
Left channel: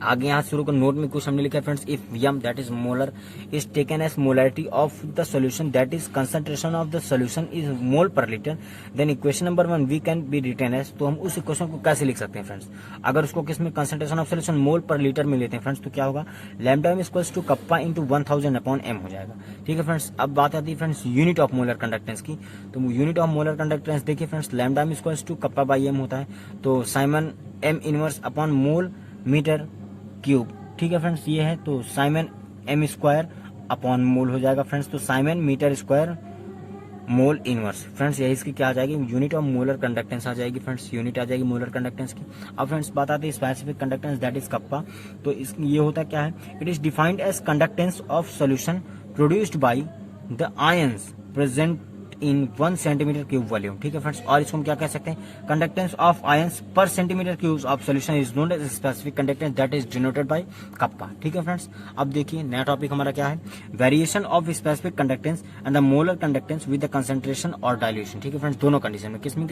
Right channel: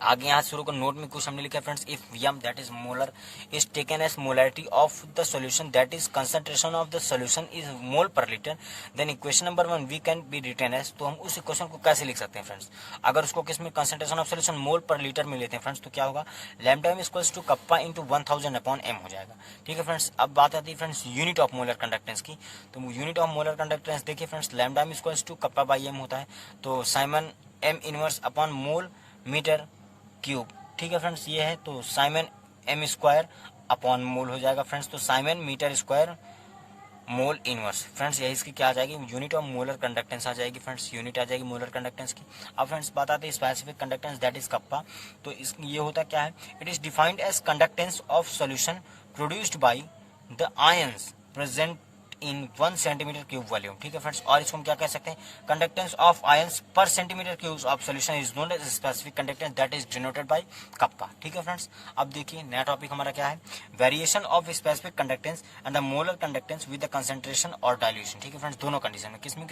आगे यहाँ शुरू को नोट में कुछ हमने लिखा है friends, if Vm that is molar is taken as molarity of the solution that is concentration of the solution is mole per litre, then equation number 1 we can be written as. तो हम उस equation को कैसे लिख सकते हैं friends, अगर उसको किसमें concentration of solution mole per litre में लेते हैं फ्रेंड्स, तो क्या होगा, lambda m equals to kappa into 1000 upon m हो जाएगा। ठीक है फ्रेंड्स, अब बात आती है friends unit of molar conductance की। तो यूनिट ऑफ मोलर कंडक्टेंस देखिए friends, lambda m equals to kappa by m होता है, तो siemens m inverse upon mole metre cube. ठीक है फ्रेंड्स, ये है तो siemens m square upon mole हो जाएगा फ्रेंड्स, तो siemens metre square mole inverse. Friends यही इसकी क्या आ जाएगी, यूनिट ऑफ मोलर कंडक्टेंस आ जाएगी फ्रेंड्स, यूनिट आ जाएगी मोलर कंडक्टेंस की। अब फ्रेंड्स बात आती है specific conductance that is kappa. तो ये होता क्या है, it is defined as conductance of solution produced by the ions present in 1 centimetre cube volume. ठीक है फ्रेंड्स, और इसको हम क्या कह सकते हैं, conductance of ions per centimetre cube of solution is known as specific conductance that is denoted by kappa. ठीक है फ्रेंड्स, अब देखिए नया टॉपिक हमारा क्या है, variation of specific conductance and the molar conductance with the concentration और dilution. ठीक है फ्रेंड्स, दोनों कंडीशन में, किसमें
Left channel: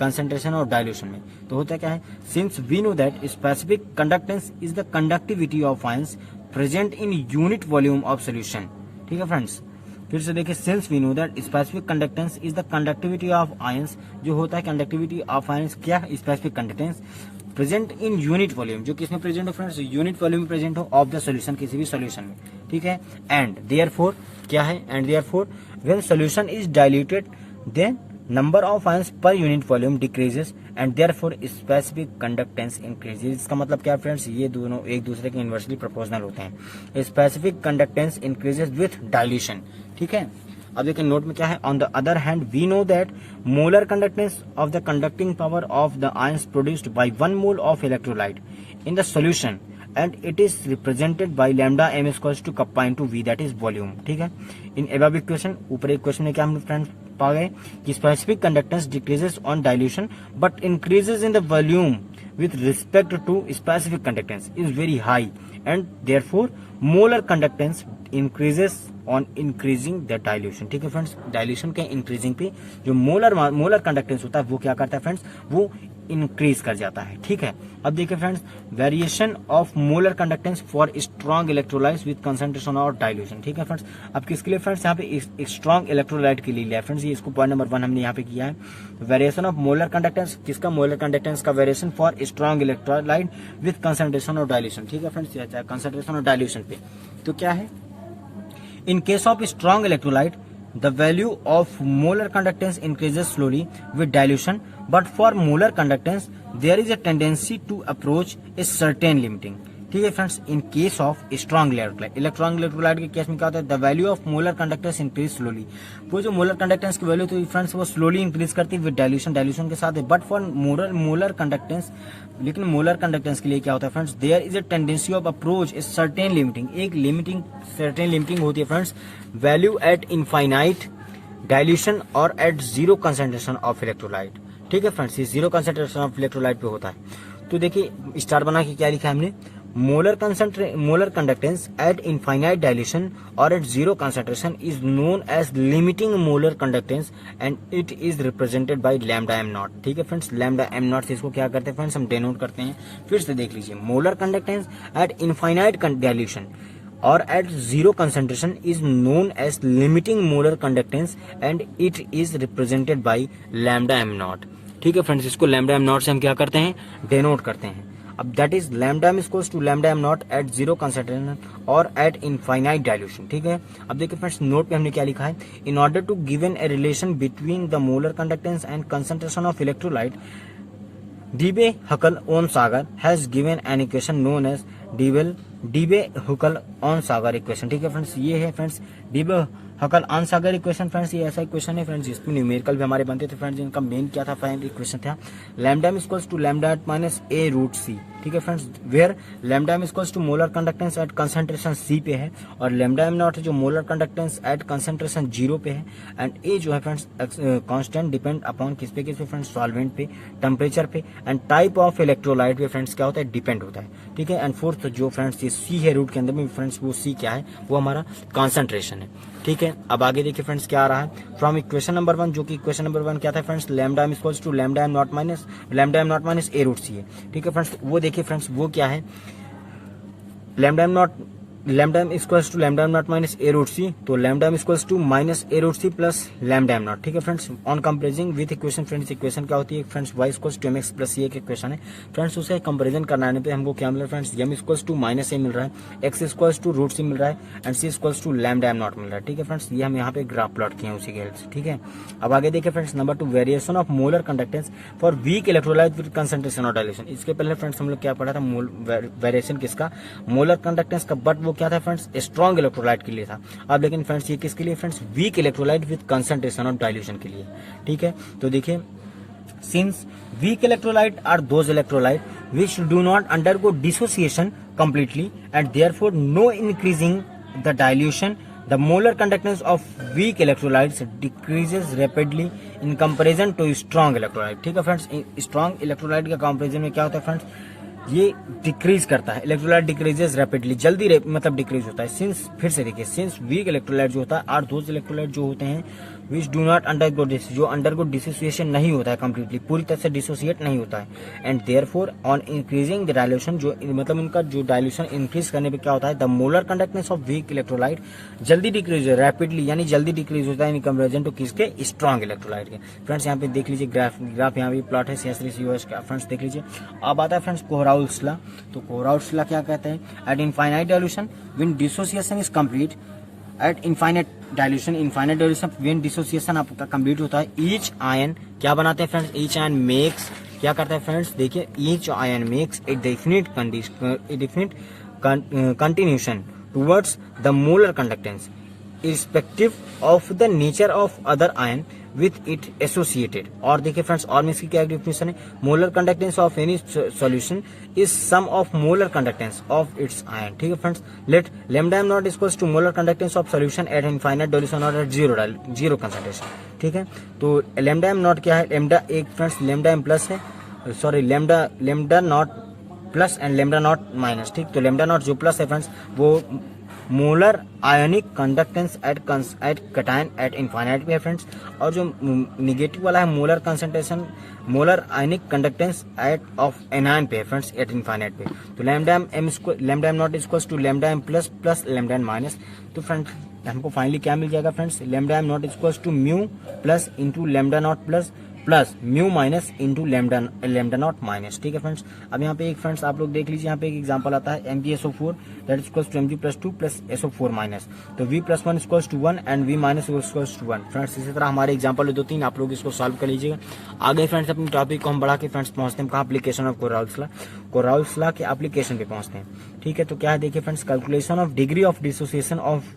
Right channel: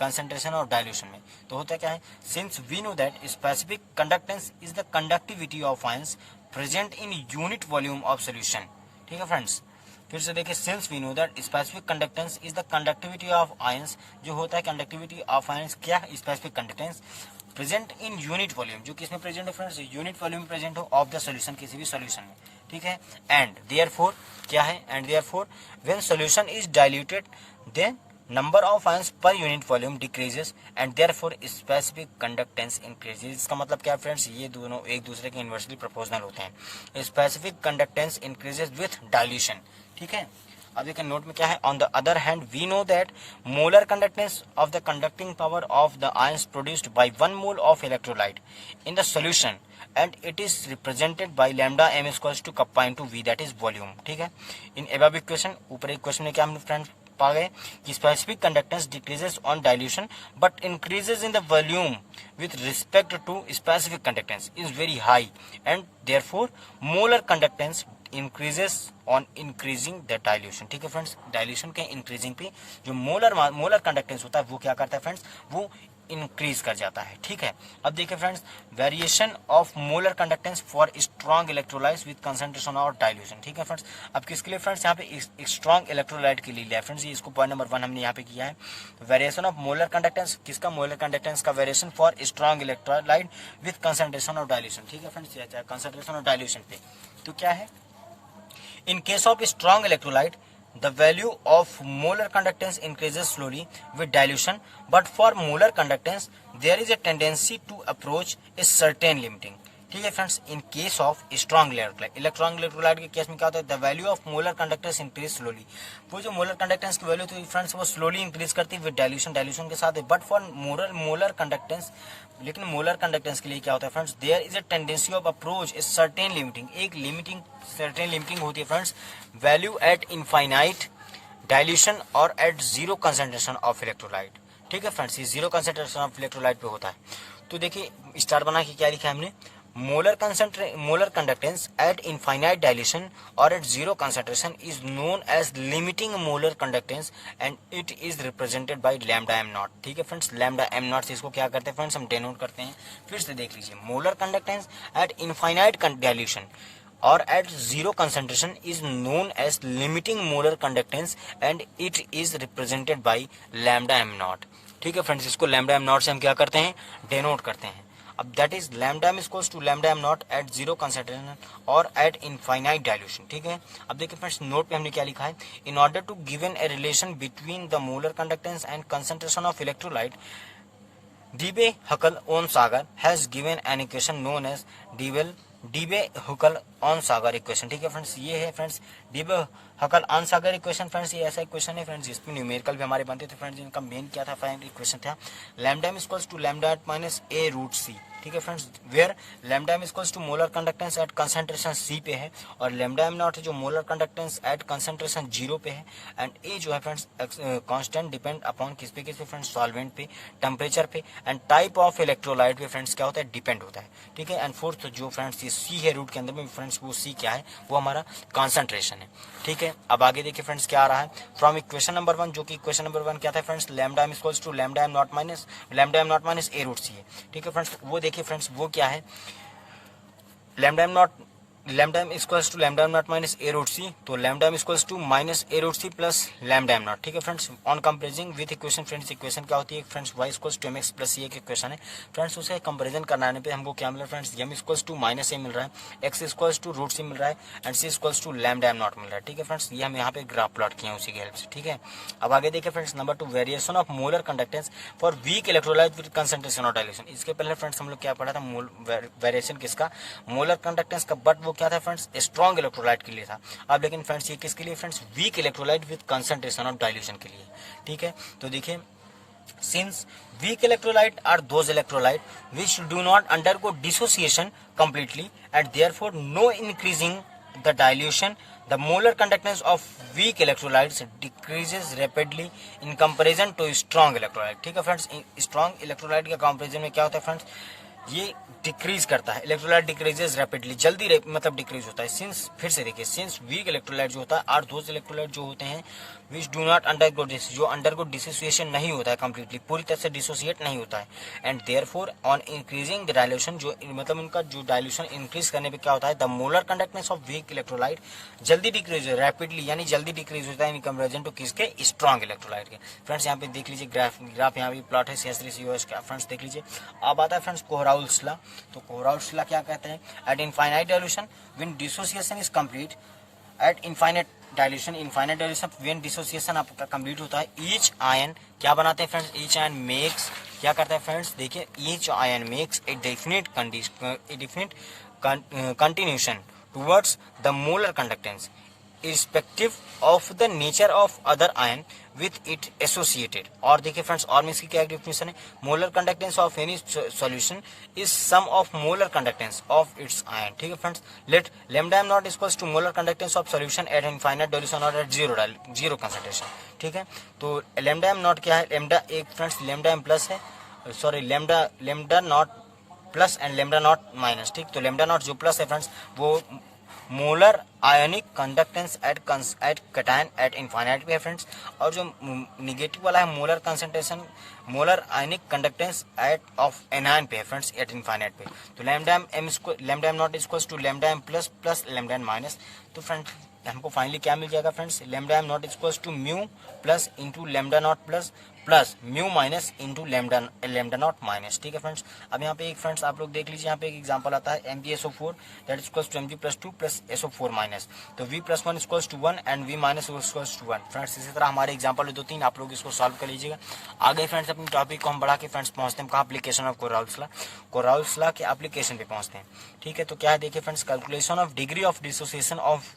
कंसंट्रेशन और डाइल्यूशन में। तो होता क्या है, since we know that specific conductance is the conductivity of ions present in unit volume of solution. ठीक है फ्रेंड्स, फिर से देखिए, since we know that specific conductance is the conductivity of ions, जो होता है कंडक्टिविटी ऑफ आयंस, क्या specific conductance present in unit volume, जो किसमें प्रेजेंट हो फ्रेंड्स, यूनिट वॉल्यूम में प्रेजेंट हो ऑफ द सॉल्यूशन, किसी भी सॉल्यूशन में। ठीक है, एंड देयरफॉर क्या है, and therefore when solution is diluted then number of ions per unit volume decreases and therefore specific conductance increases. इसका मतलब क्या है फ्रेंड्स, ये दोनों एक दूसरे के इनवर्सली प्रोपोर्शनल होते हैं। Specific conductance increases with dilution. ठीक है, अब देखिए नोट में क्या है, on the other hand we know that molar conductance of the conducting power of the ions produced by 1 mole of electrolyte in the solution and it is represented by lambda m equals to kappa into v that is volume. ठीक है, in above equation, ऊपर equation में क्या हम friends पा गए कि specific conductance decreases on dilution but increases in the volume with respect to specific conductance is very high and therefore molar conductance increases on increasing the dilution। ठीक है friends, dilution के increasing पे जो molar conductance होता है वो क्या करता है फ्रेंड्स, वो इंक्रीज कर जाता है। ठीक है, अब देखिए friends, variation of molar conductance for strong electrolytes with concentration और डाइल्यूशन। ठीक है फ्रेंड्स, अब किसके लिए फ्रेंड्स, यहाँ पे एक स्ट्रॉन्ग इलेक्ट्रोलाइट के लिए लिया है फ्रेंड्स, ये इसको पॉइंट नंबर 1 हमने यहाँ पे किया है। वेरिएशन ऑफ मोलर कंडक्टेंस, किसका, मोलर कंडक्टेंस का variation for strong electrolyte with concentration और डाइल्यूशन। ठीक है फ्रेंड्स, कंसंट्रेशन और डाइल्यूशन पे तो क्या है, in case of strong electrolyte the value of molar conductance increases slowly with dilution but for molar conductance there is a tendency to approach a certain limiting। ठीक है friends, in case of strong electrolyte के case में क्या होता है, the value of molar conductance increase slowly, वो जो molar conductance की वैल्यू थी फ्रेंड्स वो स्लोली इंक्रीज करती है विद डाइल्यूशन के साथ है, बट फॉर मोलर कंडक्टेंस, लेकिन मोलर कंडक्टेंस के लिए क्या होता है friends, there is a tendency of approach a certain limiting, एक सर्टेन लिमिटिंग होती है friends, value eight infinite dilution और at zero concentration of electrolyte. ठीक है फ्रेंड्स, ये जीरो कंसंट्रेशन ऑफ इलेक्ट्रोलाइट पे होता है। तो देखिए स्टार बना के क्या लिखा है हमने, molar conductance at infinite dilution और at zero concentration is known as limiting molar conductance and it is represented by lambda m not. ठीक है फ्रेंड्स, लैम्डा m नॉट से इसको क्या करते हैं फ्रेंड्स, हम डिनोट करते हैं। फिर से देख लीजिए, molar conductance at infinite dilution और at zero concentration is known as limiting molar conductance and it is represented by lambda m not. ठीक है फ्रेंड्स, इसको लैम्डा m नॉट से हम क्या करते हैं, डिनोट करते हैं। अब that is lambda m equals to lambda m naught at zero concentration और एट इनफाइनाइट डाइल्यूशन। ठीक है, अब देखिए फ्रेंड्स नोट पे हमने क्या लिखा है, in order to given a relation between the molar conductance and concentration of electrolyte Debye-Huckel-Onsager has given an equation known as Debye-Huckel-Onsager equation. ठीक है फ्रेंड्स, ये है फ्रेंड्स Debye-Huckel-Onsager इक्वेशन। फ्रेंड्स ये ऐसा इक्वेशन है फ्रेंड्स, इसमें न्यूमेरिकल भी हमारे बनते थे फ्रेंड्स, इनका मेन क्या था, फाइनल इक्वेशन था lambda m equals to lambda minus a root c। ठीक है friends, where lambda m equals to molar conductance at concentration c पे है और लैम्डा m नॉट है जो मोलर कंडक्टेंस एट कंसंट्रेशन 0 पे है एंड a जो है फ्रेंड्स कांस्टेंट डिपेंड अपॉन किस पे फ्रेंड्स, सॉल्वेंट पे, टेम्परेचर पे एंड टाइप ऑफ इलेक्ट्रोलाइट पे फ्रेंड्स क्या होता है, डिपेंड होता है। ठीक है, एंड फोर्थ जो फ्रेंड्स ये c है रूट के अंदर में फ्रेंड्स, वो c क्या है, वो हमारा कॉन्सेंट्रेशन है। ठीक है, अब आगे देखिए फ्रेंड्स क्या आ रहा है फ्रॉम इक्वेशन नंबर 1, जो कि इक्वेशन नंबर 1 क्या था friends, lambda m equals to lambda m naught minus a root c है। ठीक है फ्रेंड्स, वो देखिए फ्रेंड्स वो क्या है, lambda M not lambda M equals to lambda M not minus A root C, तो lambda M equals to minus A root C plus lambda M not. ठीक है friends, on comparing with equation friends, equation क्या होती है friends, Y equals to M X plus C एक equation है friends, उसे comparison कराने पे हमको क्या मिल रहा है friends, M equals to minus A मिल रहा है, X equals to root C मिल रहा है and C equals to lambda M not मिल रहा है। ठीक है फ्रेंड्स, ये हम यहाँ पे ग्राफ प्लॉट किए हैं उसी के हेल्प से। ठीक है, अब आगे देखिए friends, number 2 variation of molar conductance for weak electrolyte with concentration of dilution. इसके पहले फ्रेंड्स हम लोग क्या पढ़ा था, वेरिएशन किसका, मोलर कंडक्टेंस का, बट वो क्या था फ्रेंड्स, स्ट्रॉन्ग इलेक्ट्रोलाइट के लिए था। अब लेकिन फ्रेंड्स ये किसके लिए friends, weak electrolyte with concentration of dilution के लिए। ठीक है, तो देखिए, since weak electrolyte are those electrolyte which do not undergo dissociation completely and therefore no increasing the dilution, the molar conductance of weak electrolytes decreases rapidly in comparison to strong electrolyte। ठीक है friends, strong electrolyte का comparison में क्या होता है friends, ये decrease करता है, इलेक्ट्रोलाइट डिक्रीजेस रैपिडली, जल्दी मतलब डिक्रीज होता है। सिंस, फिर से देखिए, सिंस वीक इलेक्ट्रोलाइट जो होता है आर दोज इलेक्ट्रोलाइट जो होते हैं विच डू नॉट अंडरगो जो अंडरगो डिसोसिएशन नहीं होता है कंप्लीटली, पूरी तरह से डिसोसिएट नहीं होता है, and therefore on increasing the dilution, जो मतलब इनका जो डाइल्यूशन इंक्रीज करने पे क्या होता है, the molar conductance of weak electrolyte जल्दी डिक्रीज, रैपिडली यानी जल्दी डिक्रीज होता है इन कंपेरिजन टू किसके, स्ट्रॉन्ग इलेक्ट्रोलाइट के। फ्रेंड्स यहाँ पे देख लीजिए ग्राफ यहाँ पे प्लॉट है CS3COH का। फ्रेंड्स देख लीजिए, अब आता है फ्रेंड्स कोहराउल्स लॉ। तो कोहराउल्स लॉ क्या कहते हैं, eight infinite dilution when dissociation is complete, eight infinite dilution when dissociation आपका कंप्लीट होता है, ईच आयन क्या बनाते हैं फ्रेंड्स, ईच आयन मेक्स, क्या करता है फ्रेंड्स, देखिए, each ion makes a definite continuation towards the molar conductance irrespective of the nature of other ion with it associated। और देखिए फ्रेंड्स, और में इसकी क्या डेफिनेशन है, molar conductance of any solution is sum of molar conductance of its ion. ठीक है friends, let lambda M naught equals to molar conductance of solution at infinite dilution और एट जीरो कंसंट्रेशन। ठीक है, तो lambda M not क्या है, lambda एक friends lambda M plus है, sorry lambda naught plus and lambda naught minus. ठीक, तो लैम्डा नॉट जो प्लस है फ्रेंड्स वो molar ionic conductance at cation at infinite पे है फ्रेंड्स, और जो निगेटिव वाला है molar concentration, molar ionic conductance at of anion पे है फ्रेंड्स एट इनफाइनाइट पे। तो lambda M naught equals to lambda M plus plus lambda M minus. तो फ्रेंड्स हमको फाइनली क्या मिल जाएगा friends, lambda M naught equals to mu plus into lambda naught plus plus mu minus into lambda naught minus. ठीक है friends, अब यहाँ पे एक फ्रेंड्स आप लोग देख लीजिए, यहाँ पे एक एग्जांपल आता है MgSO4 that equals to Mg+2 plus SO4 minus, तो V+1 equals to 1 and V minus equals to 1। Friends इसी तरह हमारे एग्जांपल 2-3 आप लोग इसको सॉल्व कर लीजिएगा। आगे फ्रेंड्स अपने टॉपिक को हम बढ़ा के फ्रेंड्स पहुंचते हैं कहाँ, एप्लीकेशन ऑफ कोराउल्स लॉ के एप्लीकेशन पे पहुंचते हैं। ठीक है, तो क्या है देखिए friends, calculation of degree of dissociation of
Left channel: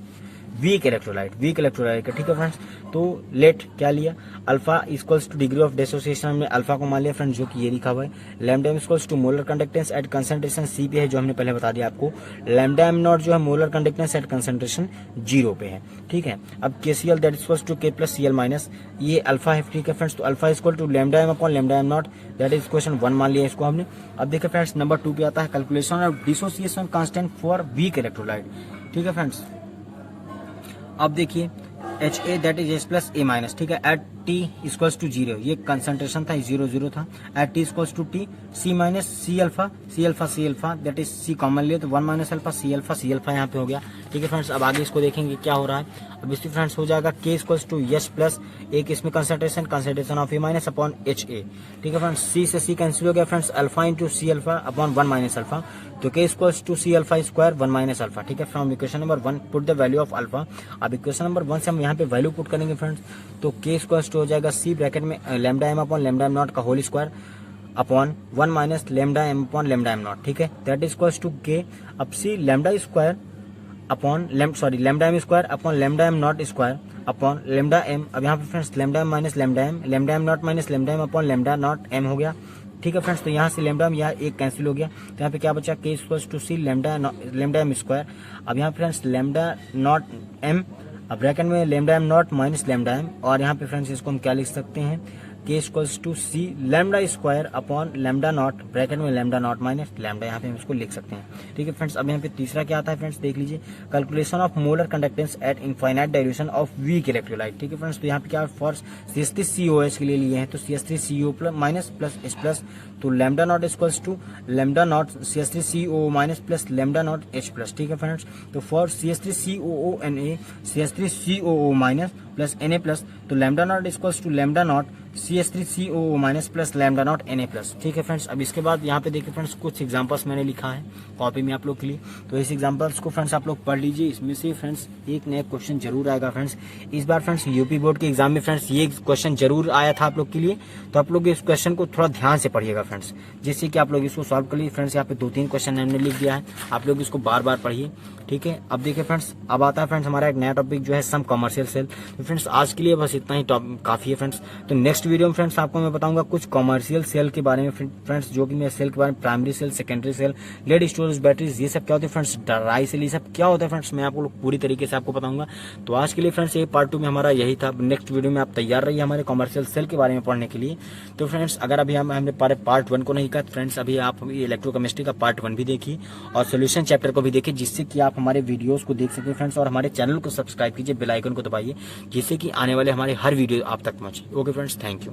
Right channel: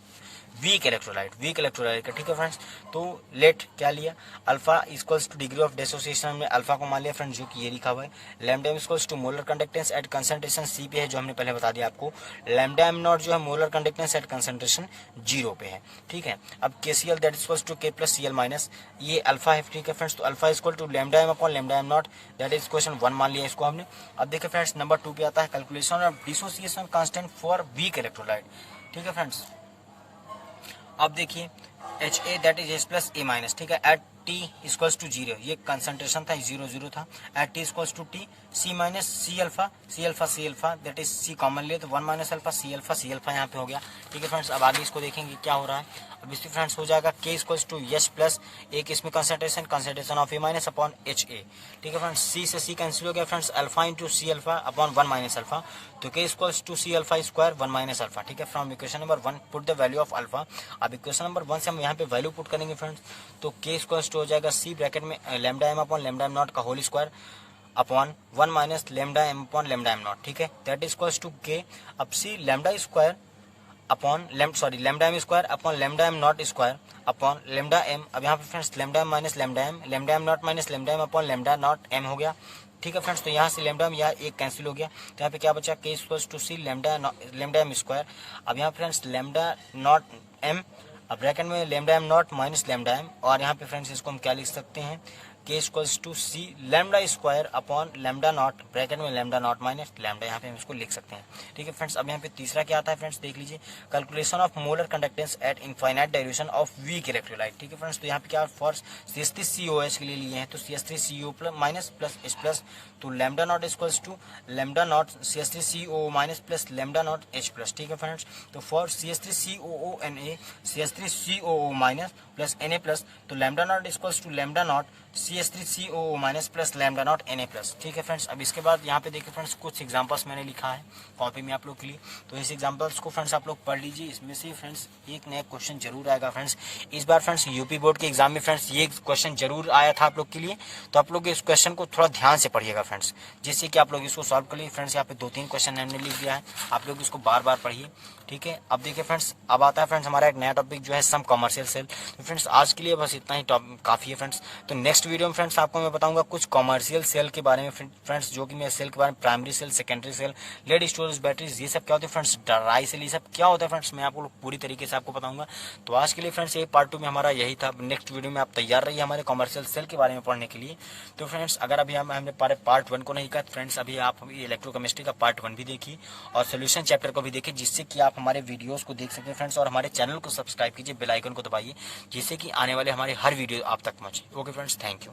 weak electrolyte का। ठीक है फ्रेंड्स, तो लेट क्या लिया, alpha equals two degree of dissociation में अल्फा को मान लिया फ्रेंड्स, जो कि ये लिखा हुआ है। Lambda M equals to molar conductance at concentration C पे है, जो हमने पहले बता दिया आपको। लैम्डा एम नॉट जो है मोलर कंडक्टेंस एट कंसंट्रेशन 0 पे है। ठीक है, अब KCl that equals to K plus Cl minus, ये अल्फा है। ठीक है फ्रेंड्स, तो alpha equal to lambda M upon lambda M naught, that is question 1 मान लिया इसको हमने। अब देखिए फ्रेंड्स नंबर 2 पे आता है calculation of dissociation constant for weak electrolyte. ठीक है फ्रेंड्स, अब देखिए HA that is H plus A minus. ठीक है, एट T इक्वल्स टू 0, ये कंसंट्रेशन था 0 था, at T equals to T C minus C alpha that is C common लिए तो 1 माइनस अल्फा C अल्फा यहाँ पे हो गया। ठीक है फ्रेंड्स, अब आगे इसको देखेंगे क्या हो रहा है। अब इसमें फ्रेंड्स हो जाएगा K equals to H plus एक इसमें concentration of A minus upon HA। ठीक है फ्रेंड्स, C से C कैंसिल हो गया friends, alpha into C alpha upon 1 minus alpha, तो K equals to C alpha square 1 minus alpha. ठीक है, from equation number 1 put the value of alpha. अब equation number 1 से हम यहाँ पे वैल्यू पुट करेंगे फ्रेंड्स, तो K इक्वल्स टू हो जाएगा C ब्रैकेट में lambda M upon lambda M not का whole square upon 1 minus lambda M upon lambda M not. ठीक है, that is equals to K, अब C lambda square upon lambda M square upon lambda M not square upon lambda M. अब यहाँ पे friends lambda M minus lambda M not minus lambda M upon lambda not M हो गया। ठीक है friends, तो यहाँ से लैम्डा यहाँ एक कैंसिल हो गया, तो यहाँ पे क्या बचा, K equals to C lambda M square. अब यहाँ फ्रेंड्स लैम्डा नॉट एम, अब ब्रैकेट में lambda M not minus lambda M, और यहाँ पे फ्रेंड्स इसको हम क्या लिख सकते हैं, K equals to C lambda square upon lambda naught, bracket में लैम्डा नॉट माइनस लैम्डा, यहाँ पे हम इसको लिख सकते हैं। ठीक है फ्रेंड्स, अब यहाँ पे तीसरा क्या आता है फ्रेंड्स, देख लीजिए, calculation of molar conductance at infinite dilution of weak electrolyte. ठीक है फ्रेंड्स, तो यहाँ पे क्या फॉर CH3COH के लिए लिए हैं, तो CH3CO plus minus plus H plus, तो lambda not equals to lambda not CH3CO minus plus lambda not H plus. ठीक है फ्रेंड्स, तो for CH3COONA CH3COO minus plus Na plus, तो lambda not equals to lambda not CH3COO minus plus lambda not Na plus. ठीक है friends, अब इसके बाद यहाँ पे देखिए फ्रेंड्स, कुछ एग्जांपल्स मैंने लिखा है कॉपी में आप लोग के लिए, तो इस एग्जांपल्स को फ्रेंड्स आप लोग पढ़ लीजिए। इसमें से फ्रेंड्स एक नया क्वेश्चन जरूर आएगा फ्रेंड्स इस बार फ्रेंड्स, यूपी बोर्ड के एग्जाम में फ्रेंड्स ये क्वेश्चन जरूर आया था आप लोग के लिए, तो आप लोग इस क्वेश्चन को थोड़ा ध्यान से पढ़िएगा फ्रेंड्स, जिससे कि आप लोग इसको सॉल्व कर लीजिए। फ्रेंड्स यहाँ पे 2-3 क्वेश्चन हमने लिख दिया है, आप लोग इसको बार बार पढ़िए। ठीक है, अब देखिए फ्रेंड्स, अब आता है फ्रेंड्स हमारा एक नया टॉपिक जो है सम कमर्शियल सेल। तो फ्रेंड्स आज के लिए बस इतना ही काफी है फ्रेंड्स, तो नेक्स्ट वीडियो में फ्रेंड्स आपको मैं बताऊंगा कुछ कमर्शियल सेल के बारे में फ्रेंड्स, जो कि मैं सेल के बारे में, primary cell, secondary cell, lead storage batteries, ये सब क्या होते हैं फ्रेंड्स, ड्राई सेल, ये सब क्या होता है फ्रेंड्स, मैं आपको पूरी तरीके से आपको बताऊंगा। तो आज के लिए फ्रेंड्स ये पार्ट 2 में हमारा यही था। नेक्स्ट वीडियो में आप तैयार रहिए हमारे कमर्शियल सेल के बारे में पढ़ने के लिए। तो फ्रेंड्स अगर अभी हमने पार्ट 1 को नहीं किया फ्रेंड्स, अभी आप इलेक्ट्रोकेमिस्ट्री का पार्ट 1 भी देखिए और सोल्यूशन चैप्टर को भी देखिए, जिससे कि आप हमारे वीडियोस को देख सकें फ्रेंड्स, और हमारे चैनल को सब्सक्राइब कीजिए, बेल आइकन को दबाइए, जिससे कि आने वाले हमारे हर वीडियो आप तक पहुंचे। Okay friends, thank you.